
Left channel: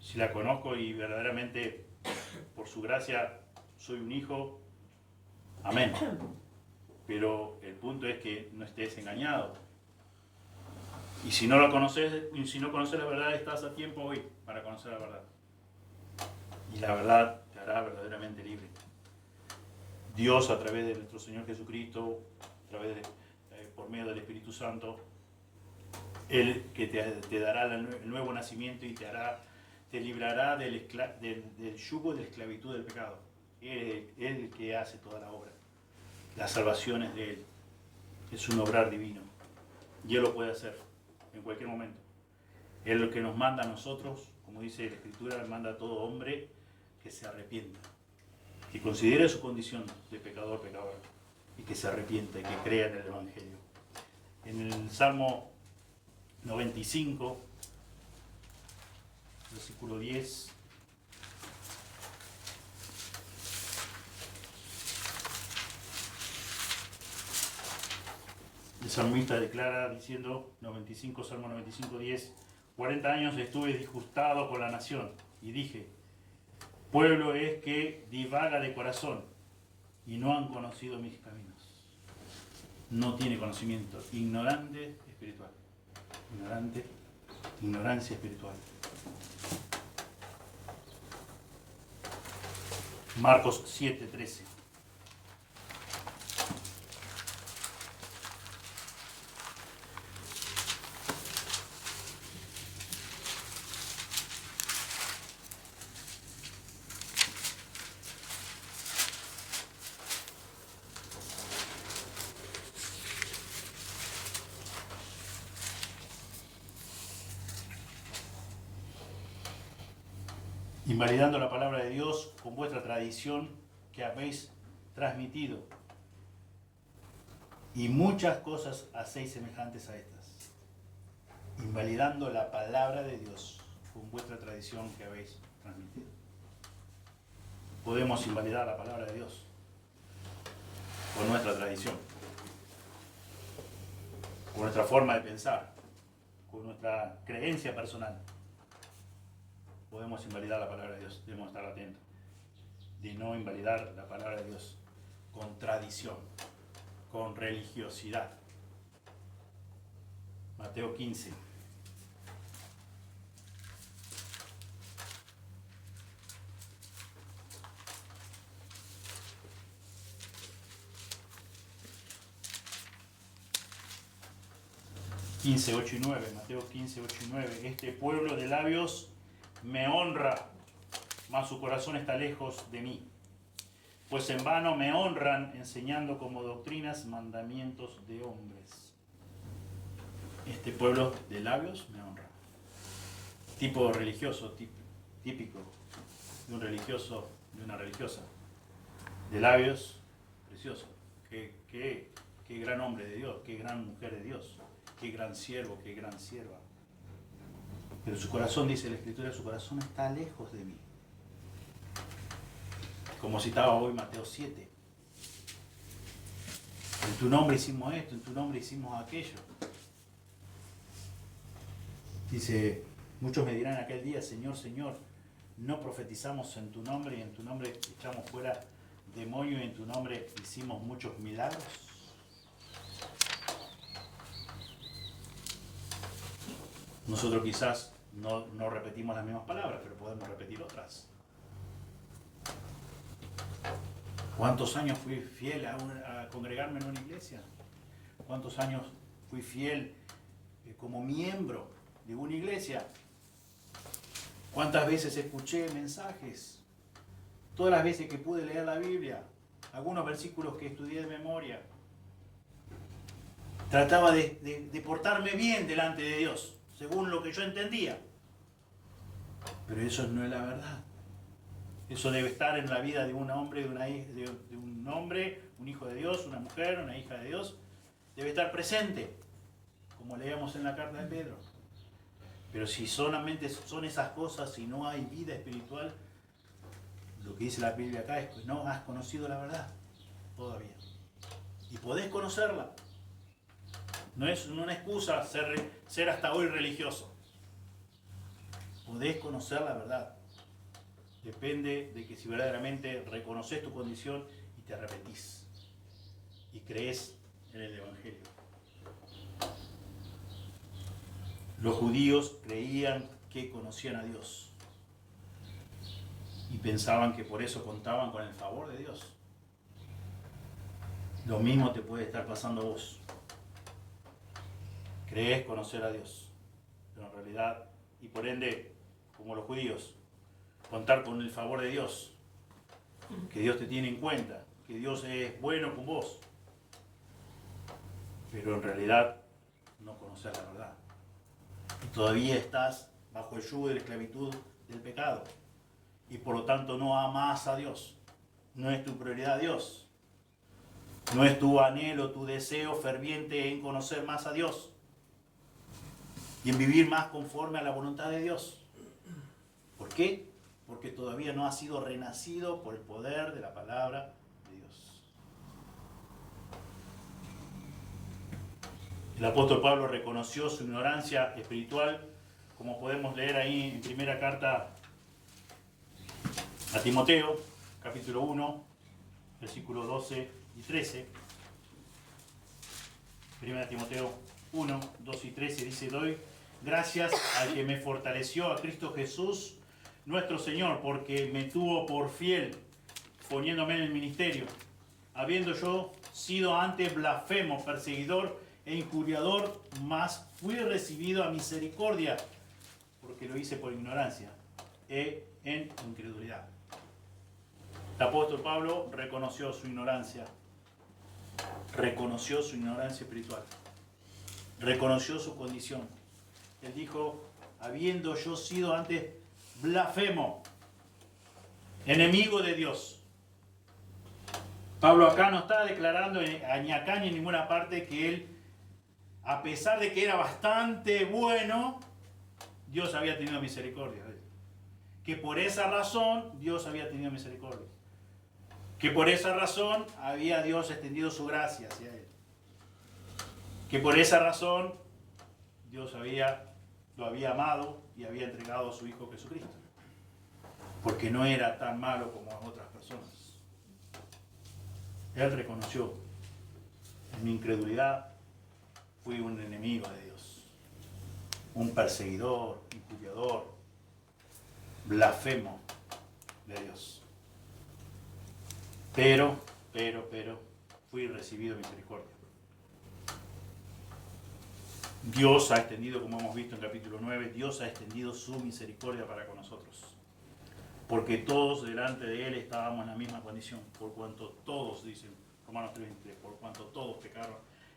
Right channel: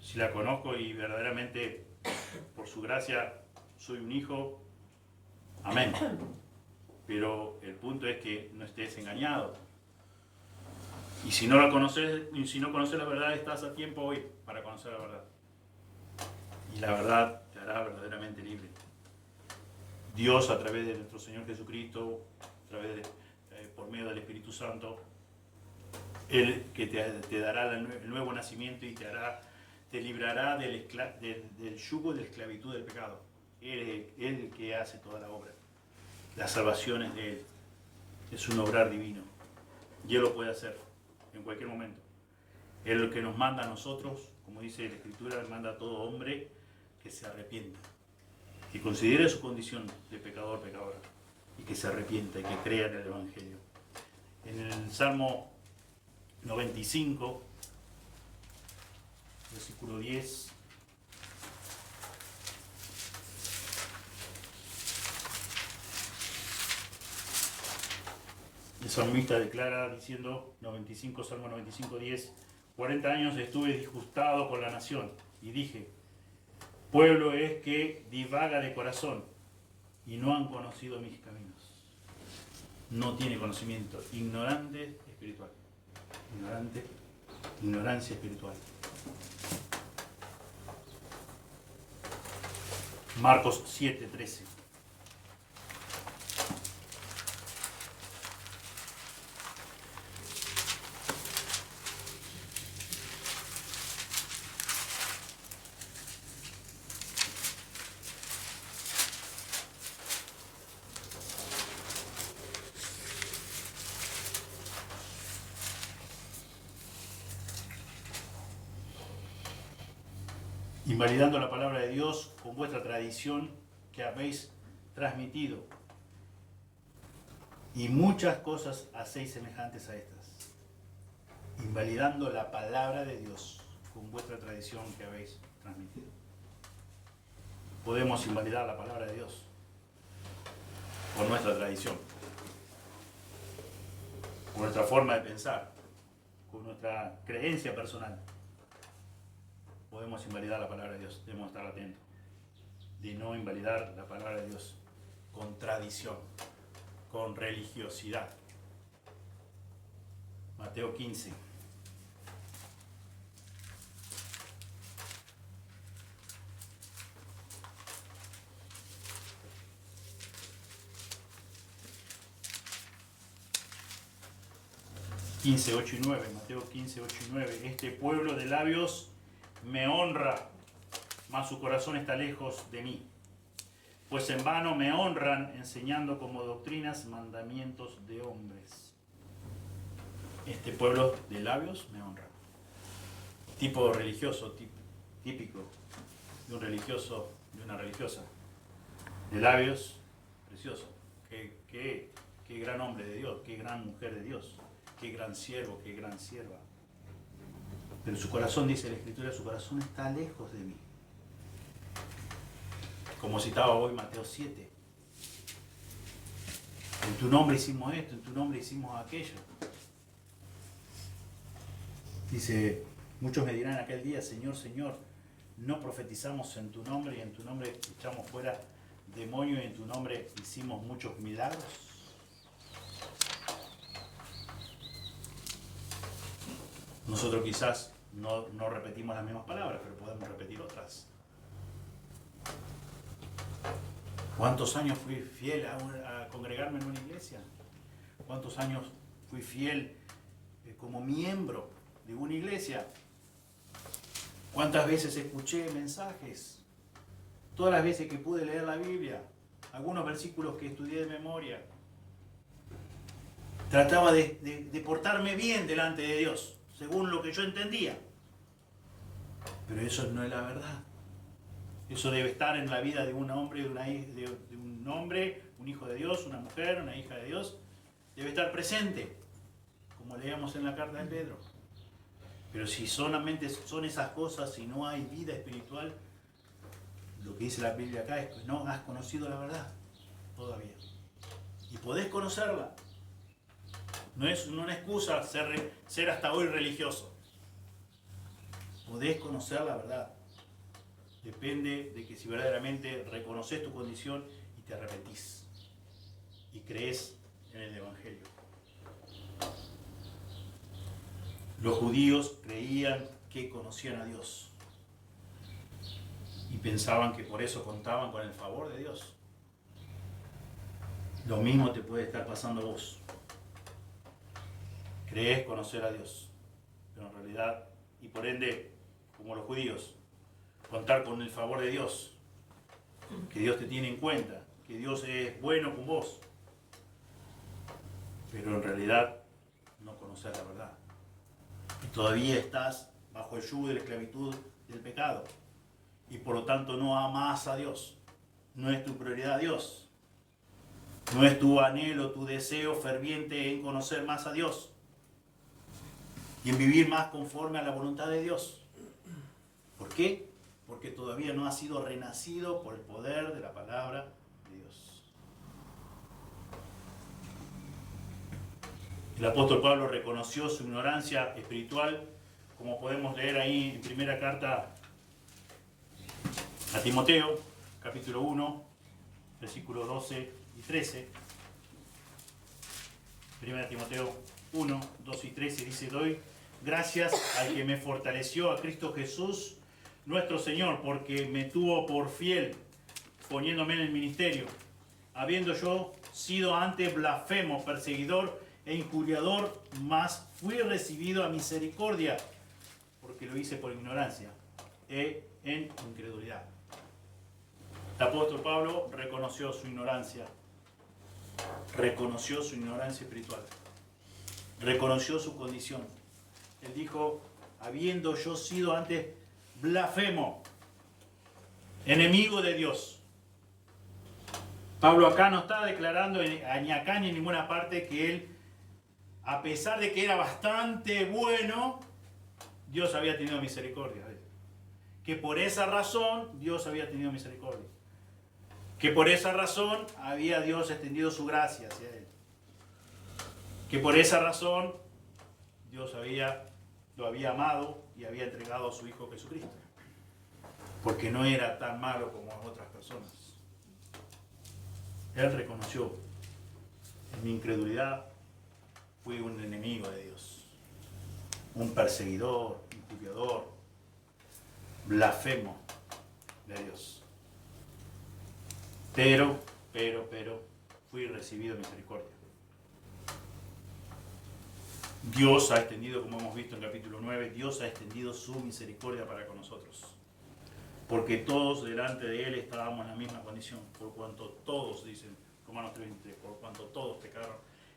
Si la conozco y verdaderamente por su gracia soy un hijo, amén. Pero el punto es que no estés engañado. Y si no la conoces, si no conoces la verdad, estás a tiempo hoy para conocer la verdad. Y la verdad te hará verdaderamente libre. Dios, a través de nuestro Señor Jesucristo, por medio del Espíritu Santo, Él que te dará el nuevo nacimiento y te librará del yugo de la esclavitud del pecado. Él el que hace toda la obra. La salvación es de Él. Es un obrar divino. Y Él lo puede hacer en cualquier momento. Él lo que nos manda a nosotros, como dice la Escritura, manda a todo hombre que se arrepienta, que considere su condición de pecador, pecadora, y que se arrepienta y que crea en el Evangelio. En el Salmo 95, versículo 10, el salmista declara diciendo, Salmo 95, 10, 40 años estuve disgustado con la nación y dije, pueblo es que divaga de corazón y no han conocido mis caminos. No tiene conocimiento, ignorante espiritual. Ignorancia espiritual. Marcos 7, 13. Invalidando la palabra de Dios con vuestra tradición que habéis transmitido. Y muchas cosas hacéis semejantes a estas. Invalidando la palabra de Dios con vuestra tradición que habéis transmitido. Podemos invalidar la palabra de Dios con nuestra tradición, con nuestra forma de pensar, con nuestra creencia personal. Podemos invalidar la palabra de Dios, debemos estar atentos de no invalidar la palabra de Dios con tradición, con religiosidad. Mateo 15. Mateo 15, 8 y 9. Este pueblo de labios me honra, mas su corazón está lejos de mí. Pues en vano me honran enseñando como doctrinas mandamientos de hombres. Este pueblo de labios me honra. Tipo religioso, típico. de un religioso, de una religiosa, de labios, precioso. Qué gran hombre de Dios, qué gran mujer de Dios, qué gran siervo, qué gran sierva. Pero su corazón, dice la Escritura, su corazón está lejos de mí. Como citaba hoy Mateo 7. En tu nombre hicimos esto, en tu nombre hicimos aquello. Dice, muchos me dirán aquel día, Señor, Señor, no profetizamos en tu nombre y en tu nombre echamos fuera demonios y en tu nombre hicimos muchos milagros. Nosotros quizás no repetimos las mismas palabras, pero podemos repetir otras. ¿Cuántos años fui fiel a congregarme en una iglesia? ¿Cuántos años fui fiel como miembro de una iglesia? ¿Cuántas veces escuché mensajes? Todas las veces que pude leer la Biblia, algunos versículos que estudié de memoria. Trataba de portarme bien delante de Dios, según lo que yo entendía. Pero eso no es la verdad. Eso debe estar en la vida de un hombre, de un hombre, un hijo de Dios, una mujer, una hija de Dios. Debe estar presente, como leíamos en la carta de Pedro. Pero si solamente son esas cosas y no hay vida espiritual, lo que dice la Biblia acá es que no has conocido la verdad todavía. Y podés conocerla. No es una excusa ser hasta hoy religioso. Podés conocer la verdad. Depende de que si verdaderamente reconoces tu condición y te arrepentís y crees en el Evangelio. Los judíos creían que conocían a Dios y pensaban que por eso contaban con el favor de Dios. Lo mismo te puede estar pasando a vos. Crees conocer a Dios, pero en realidad, y por ende, como los judíos, contar con el favor de Dios, que Dios te tiene en cuenta, que Dios es bueno con vos, pero en realidad no conocer la verdad. Y todavía estás bajo el yugo de la esclavitud del pecado y por lo tanto no amas a Dios. No es tu prioridad Dios. No es tu anhelo, tu deseo ferviente en conocer más a Dios y en vivir más conforme a la voluntad de Dios. ¿Por qué? Porque todavía no has sido renacido por el poder de la palabra de Dios. El apóstol Pablo reconoció su ignorancia espiritual, como podemos leer ahí en primera carta a Timoteo, capítulo 1, versículos 12 y 13. Primera Timoteo 1, 12 y 13 dice: doy gracias al que me fortaleció, a Cristo Jesús, nuestro Señor, porque me tuvo por fiel, poniéndome en el ministerio, habiendo yo sido antes blasfemo, perseguidor e injuriador, mas fui recibido a misericordia, porque lo hice por ignorancia e en incredulidad. El apóstol Pablo reconoció su ignorancia espiritual, reconoció su condición. Él dijo, habiendo yo sido antes blasfemo, enemigo de Dios. Pablo acá no está declarando ni acá ni en ninguna parte que él, a pesar de que era bastante bueno, Dios había tenido misericordia de él. Que por esa razón Dios había tenido misericordia. Que por esa razón había Dios extendido su gracia hacia él. Que por esa razón Dios lo había amado y había entregado a su Hijo Jesucristo. Porque no era tan malo como otras personas. Él reconoció, en mi incredulidad fui un enemigo de Dios, un perseguidor, injuriador, blasfemo de Dios. Pero, fui recibido misericordia. Dios ha extendido, como hemos visto en el capítulo 9, Dios ha extendido su misericordia para con nosotros. Porque todos delante de Él estábamos en la misma condición, por cuanto todos, dicen Romanos 3:23, por cuanto todos pecaron,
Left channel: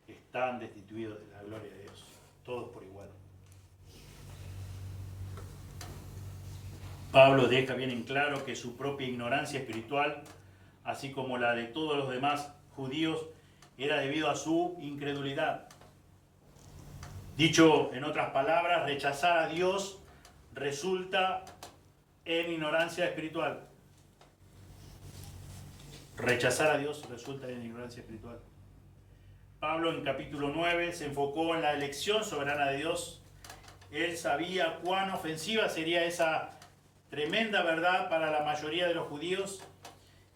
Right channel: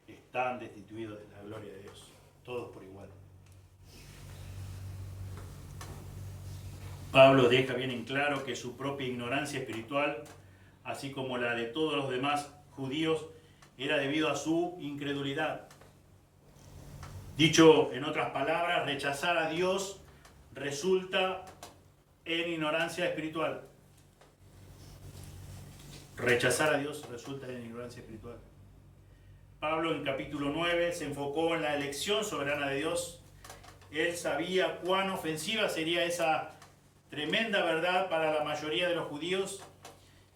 están destituidos de la gloria de Dios, todos por igual. Pablo deja bien en claro que su propia ignorancia espiritual, así como la de todos los demás judíos, era debido a su incredulidad. Dicho en otras palabras, rechazar a Dios resulta en ignorancia espiritual. Rechazar a Dios resulta en ignorancia espiritual. Pablo en capítulo 9 se enfocó en la elección soberana de Dios. Él sabía cuán ofensiva sería esa tremenda verdad para la mayoría de los judíos,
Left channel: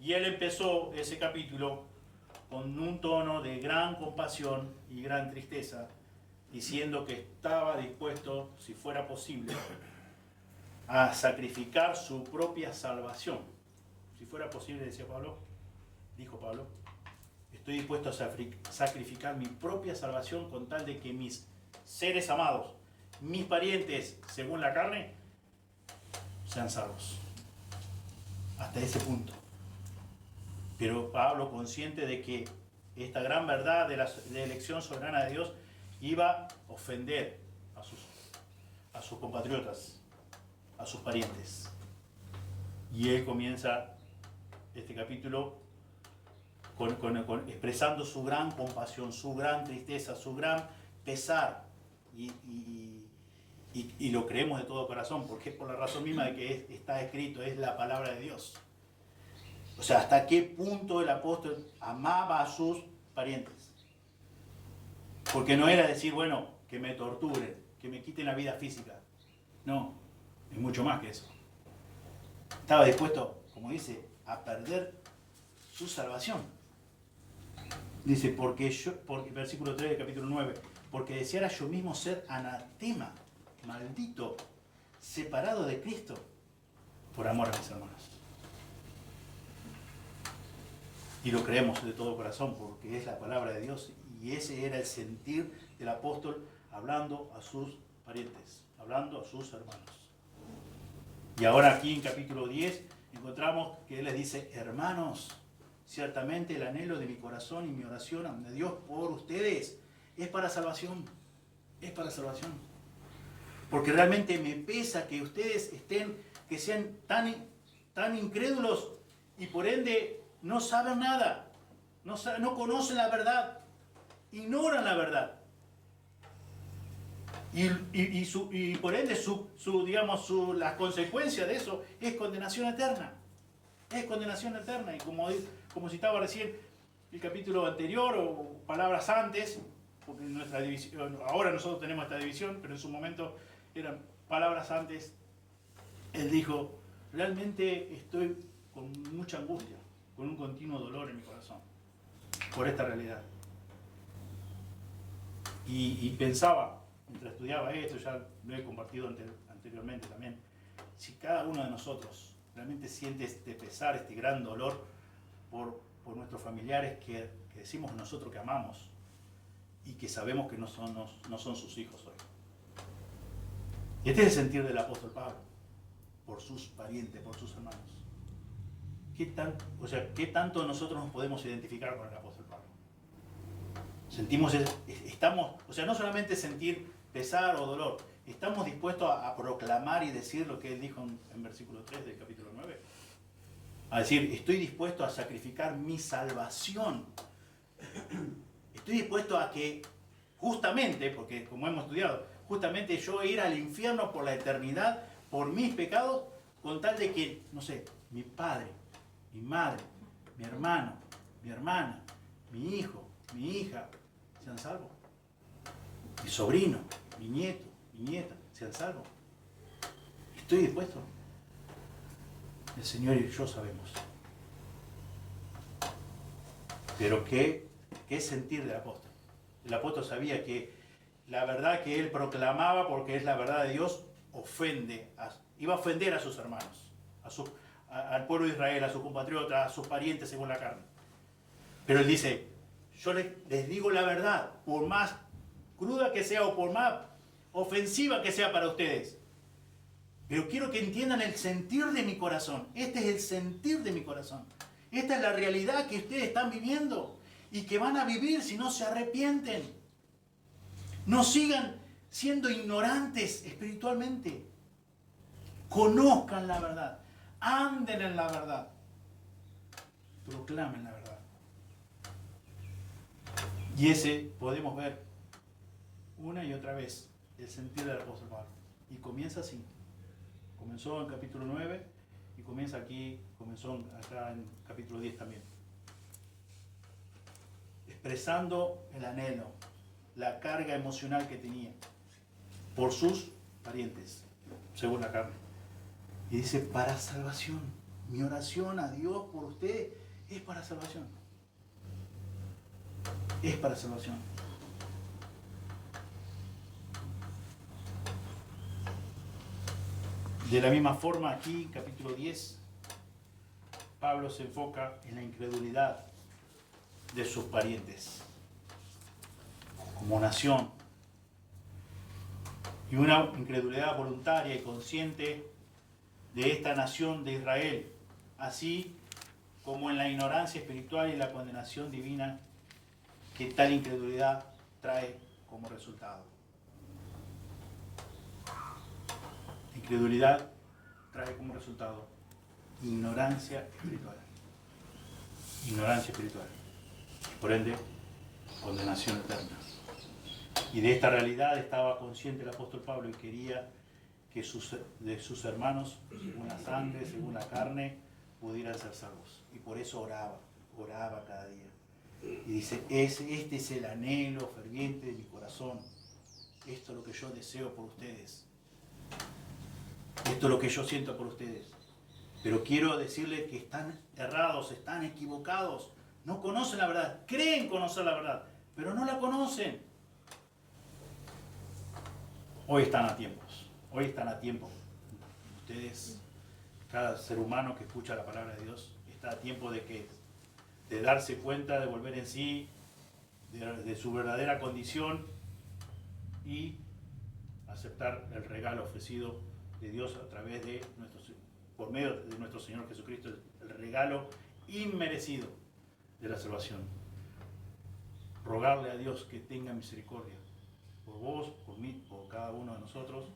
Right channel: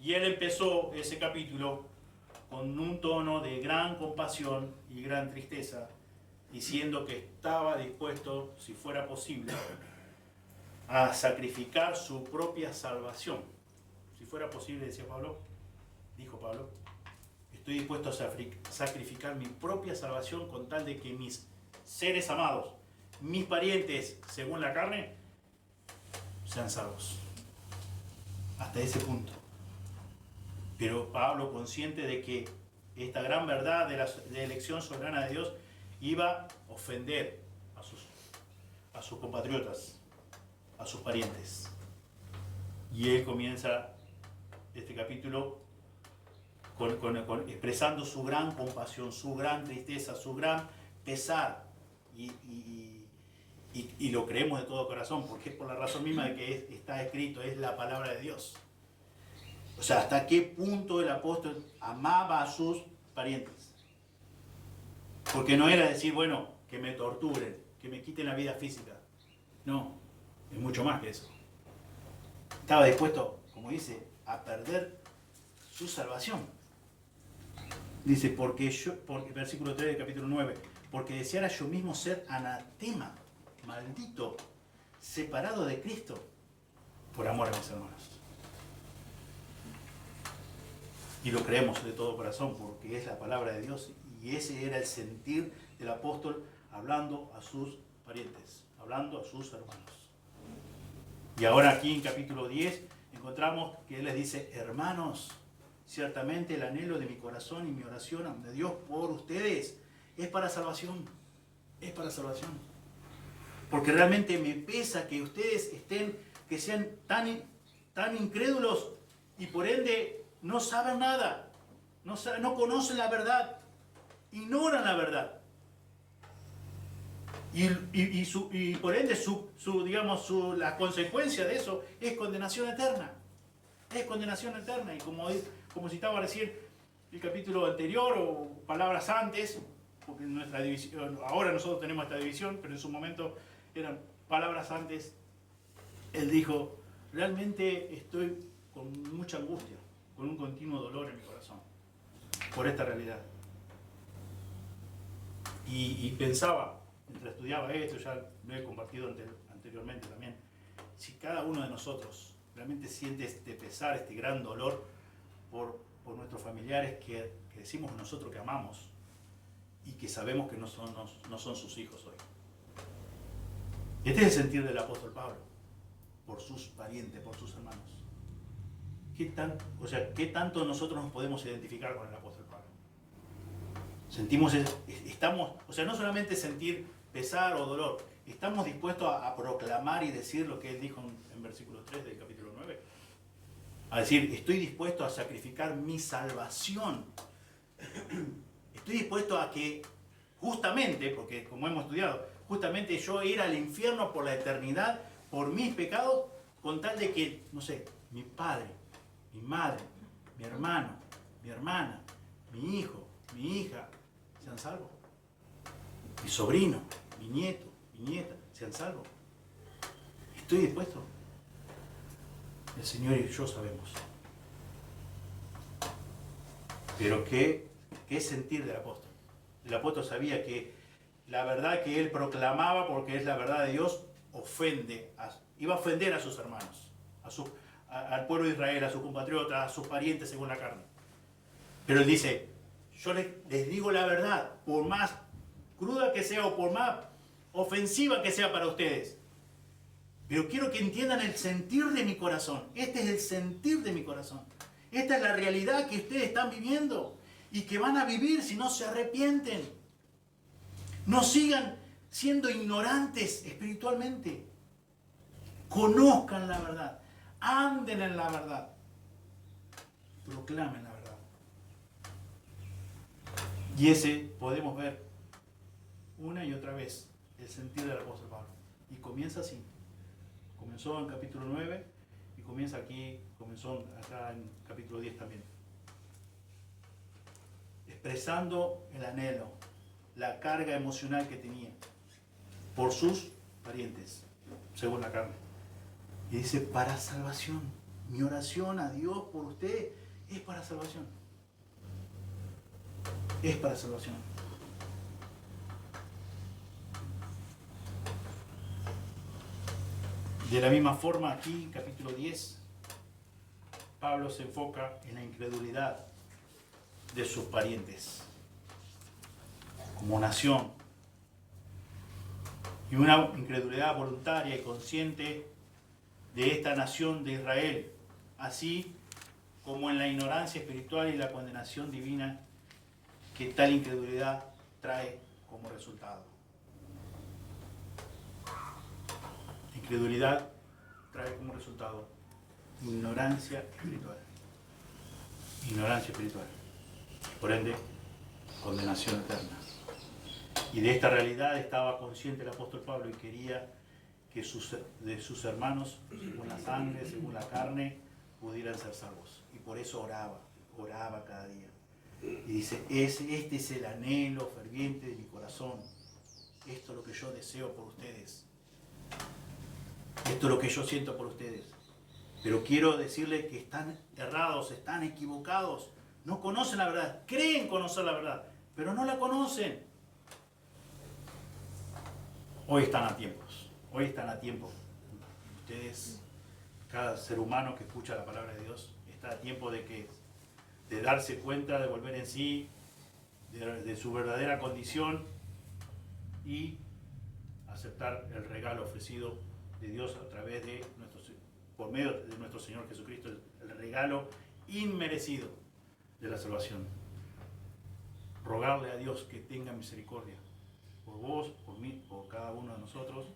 y él empezó ese capítulo con un tono de gran compasión y gran tristeza, diciendo que estaba dispuesto, si fuera posible, a sacrificar su propia salvación. Si fuera posible, decía Pablo, dijo Pablo, estoy dispuesto a sacrificar mi propia salvación con tal de que mis seres amados, mis parientes, según la carne, sean salvos. Hasta ese punto. Pero Pablo, consciente de que esta gran verdad de la elección soberana de Dios iba a ofender a sus compatriotas, a sus parientes. Y él comienza este capítulo expresando su gran compasión, su gran tristeza, su gran pesar. Y lo creemos de todo corazón, porque es por la razón misma de que está escrito, es la palabra de Dios. O sea, hasta qué punto el apóstol amaba a sus parientes. Porque no era decir, bueno, que me torturen, que me quiten la vida física. No, es mucho más que eso. Estaba dispuesto, como dice, a perder su salvación. Dice, porque versículo 3 del capítulo 9, porque deseara yo mismo ser anatema, maldito, separado de Cristo, por amor a mis hermanos. Y lo creemos de todo corazón, porque es la palabra de Dios, y ese era el sentir del apóstol hablando a sus parientes, hablando a sus hermanos. Y ahora aquí en capítulo 10 encontramos que él les dice, hermanos, ciertamente el anhelo de mi corazón y mi oración a Dios por ustedes es para salvación, es para salvación. Porque realmente me pesa que ustedes que sean tan incrédulos y por ende no saben nada, no conocen la verdad, ignoran la verdad. Y por ende la consecuencia de eso es condenación eterna. Es condenación eterna. Y como citaba recién el capítulo anterior o palabras antes, porque en nuestra división, ahora nosotros tenemos esta división, pero en su momento eran palabras antes, él dijo, realmente estoy con mucha angustia, con un continuo dolor en mi corazón, por esta realidad. Y pensaba, mientras estudiaba esto, ya lo he compartido anteriormente también, si cada uno de nosotros realmente siente este pesar, este gran dolor por nuestros familiares que decimos nosotros que amamos y que sabemos que no son sus hijos hoy. Este es el sentir del apóstol Pablo, por sus parientes, por sus hermanos. ¿Qué tanto nosotros nos podemos identificar con el apóstol Pablo? No solamente sentir pesar o dolor, estamos dispuestos a proclamar y decir lo que él dijo en versículo 3 del capítulo 9. A decir, estoy dispuesto a sacrificar mi salvación. Estoy dispuesto a que, justamente, porque como hemos estudiado, justamente yo ir al infierno por la eternidad, por mis pecados, con tal de que, mi padre, mi madre, mi hermano, mi hermana, mi hijo, mi hija, sean salvos. Mi sobrino, mi nieto, mi nieta, sean salvos. Estoy dispuesto. El Señor y yo sabemos. Pero ¿qué sentir del apóstol? El apóstol sabía que la verdad que él proclamaba, porque es la verdad de Dios, iba a ofender a sus hermanos, al pueblo de Israel, a sus compatriotas, a sus parientes según la carne. Pero él dice, yo les digo la verdad, por más cruda que sea o por más ofensiva que sea para ustedes. Pero quiero que entiendan el sentir de mi corazón. Este es el sentir de mi corazón. Esta es la realidad que ustedes están viviendo y que van a vivir si no se arrepienten. No sigan siendo ignorantes espiritualmente. conozcan la verdad, anden en la verdad, proclamen la verdad. Y ese podemos ver una y otra vez el sentir del apóstol Pablo. Y comienza así. Comenzó en capítulo 9 y comienza aquí, comenzó acá en capítulo 10 también. Expresando el anhelo, la carga emocional que tenía por sus parientes, según la carne. Y dice, para salvación. Mi oración a Dios por usted es para salvación. Es para salvación. De la misma forma, aquí, capítulo 10, Pablo se enfoca en la incredulidad de sus parientes como nación. Y una incredulidad voluntaria y consciente de esta nación de Israel, así como en la ignorancia espiritual y la condenación divina que tal incredulidad trae como resultado. Incredulidad trae como resultado ignorancia espiritual. Ignorancia espiritual. Por ende, condenación eterna. Y de esta realidad estaba consciente el apóstol Pablo y quería que de sus hermanos, según la sangre, según la carne, pudieran ser salvos. Y por eso oraba cada día. Y dice, este es el anhelo ferviente de mi corazón. Esto es lo que yo deseo por ustedes. Esto es lo que yo siento por ustedes. Pero quiero decirles que están errados, están equivocados. No conocen la verdad. Creen conocer la verdad, pero no la conocen. Hoy están a tiempos. Hoy están a tiempo. Ustedes, cada ser humano que escucha la palabra de Dios, está a tiempo de darse cuenta, de volver en sí, de su verdadera condición y aceptar el regalo ofrecido de Dios a través de por medio de nuestro Señor Jesucristo, el regalo inmerecido de la salvación. Rogarle a Dios que tenga misericordia por vos, por mí, por cada uno de nosotros,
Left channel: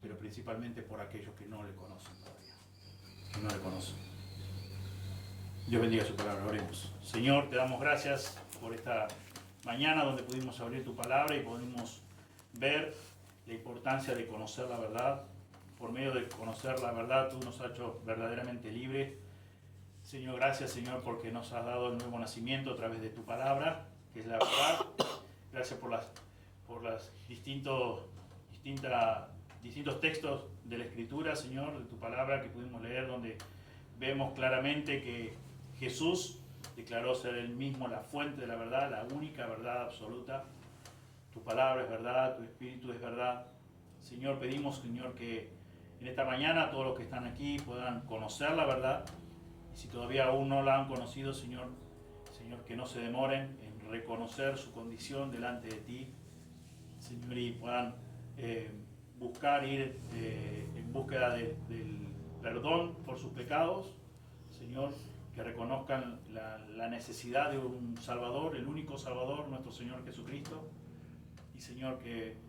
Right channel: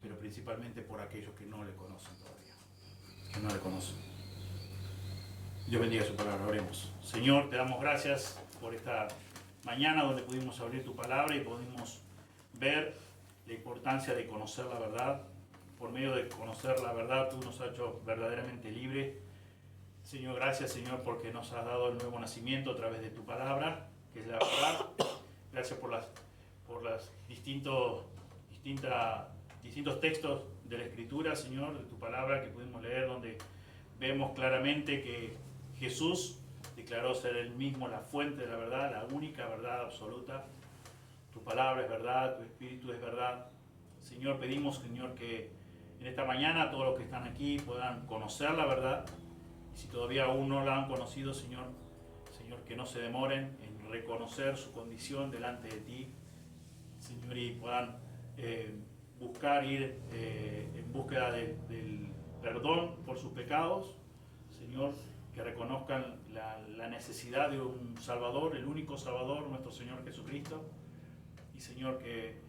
pero principalmente por aquellos que no le conocen todavía, que no le conocen. Dios bendiga su palabra, oremos. Señor, te damos gracias por esta mañana donde pudimos abrir tu palabra y pudimos ver la importancia de conocer la verdad. Por medio de conocer la verdad, tú nos has hecho verdaderamente libres. Señor, gracias, Señor, porque nos has dado el nuevo nacimiento a través de tu palabra, que es la verdad. Gracias por los distintos textos de la Escritura, Señor, de tu palabra que pudimos leer, donde vemos claramente que Jesús declaró ser él mismo la fuente de la verdad, la única verdad absoluta. Tu palabra es verdad, tu Espíritu es verdad. Señor, pedimos, Señor, que en esta mañana todos los que están aquí puedan conocer la verdad. Y si todavía aún no la han conocido, Señor, que no se demoren en reconocer su condición delante de ti, Señor, y puedan buscar ir en búsqueda del perdón por sus pecados, Señor, que reconozcan la necesidad de un Salvador, el único Salvador, nuestro Señor Jesucristo, y Señor, que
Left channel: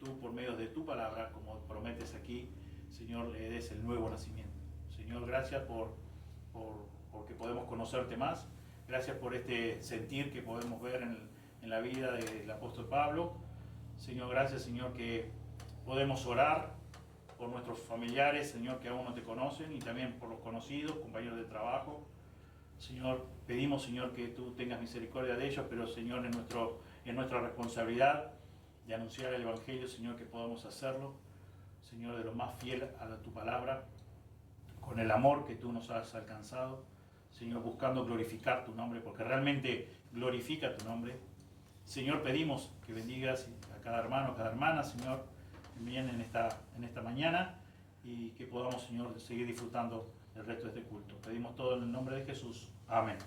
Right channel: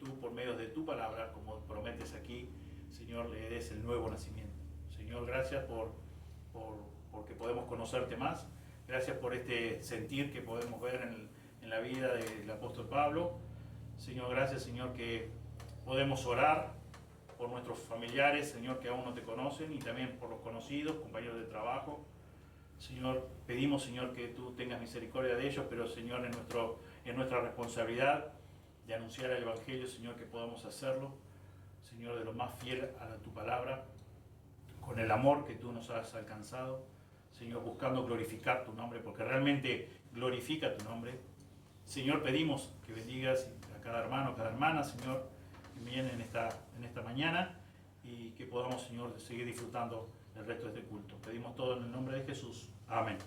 tú por medio de tu palabra, como prometes aquí, Señor, le des el nuevo nacimiento. Señor, gracias porque podemos conocerte más. Gracias por este sentir que podemos ver en la vida del apóstol Pablo. Señor, gracias, Señor, que podemos orar por nuestros familiares, Señor, que aún no te conocen, y también por los conocidos, compañeros de trabajo. Señor, pedimos, Señor, que tú tengas misericordia de ellos, pero, Señor, en nuestra responsabilidad de anunciar el Evangelio, Señor, que podamos hacerlo, Señor, de lo más fiel a tu palabra, con el amor que tú nos has alcanzado, Señor, buscando glorificar tu nombre, porque realmente glorifica tu nombre. Señor, pedimos que bendigas a cada hermano, a cada hermana, Señor, que viene en esta mañana, y que podamos, Señor, seguir disfrutando el resto de este culto. Pedimos todo en el nombre de Jesús. Amén.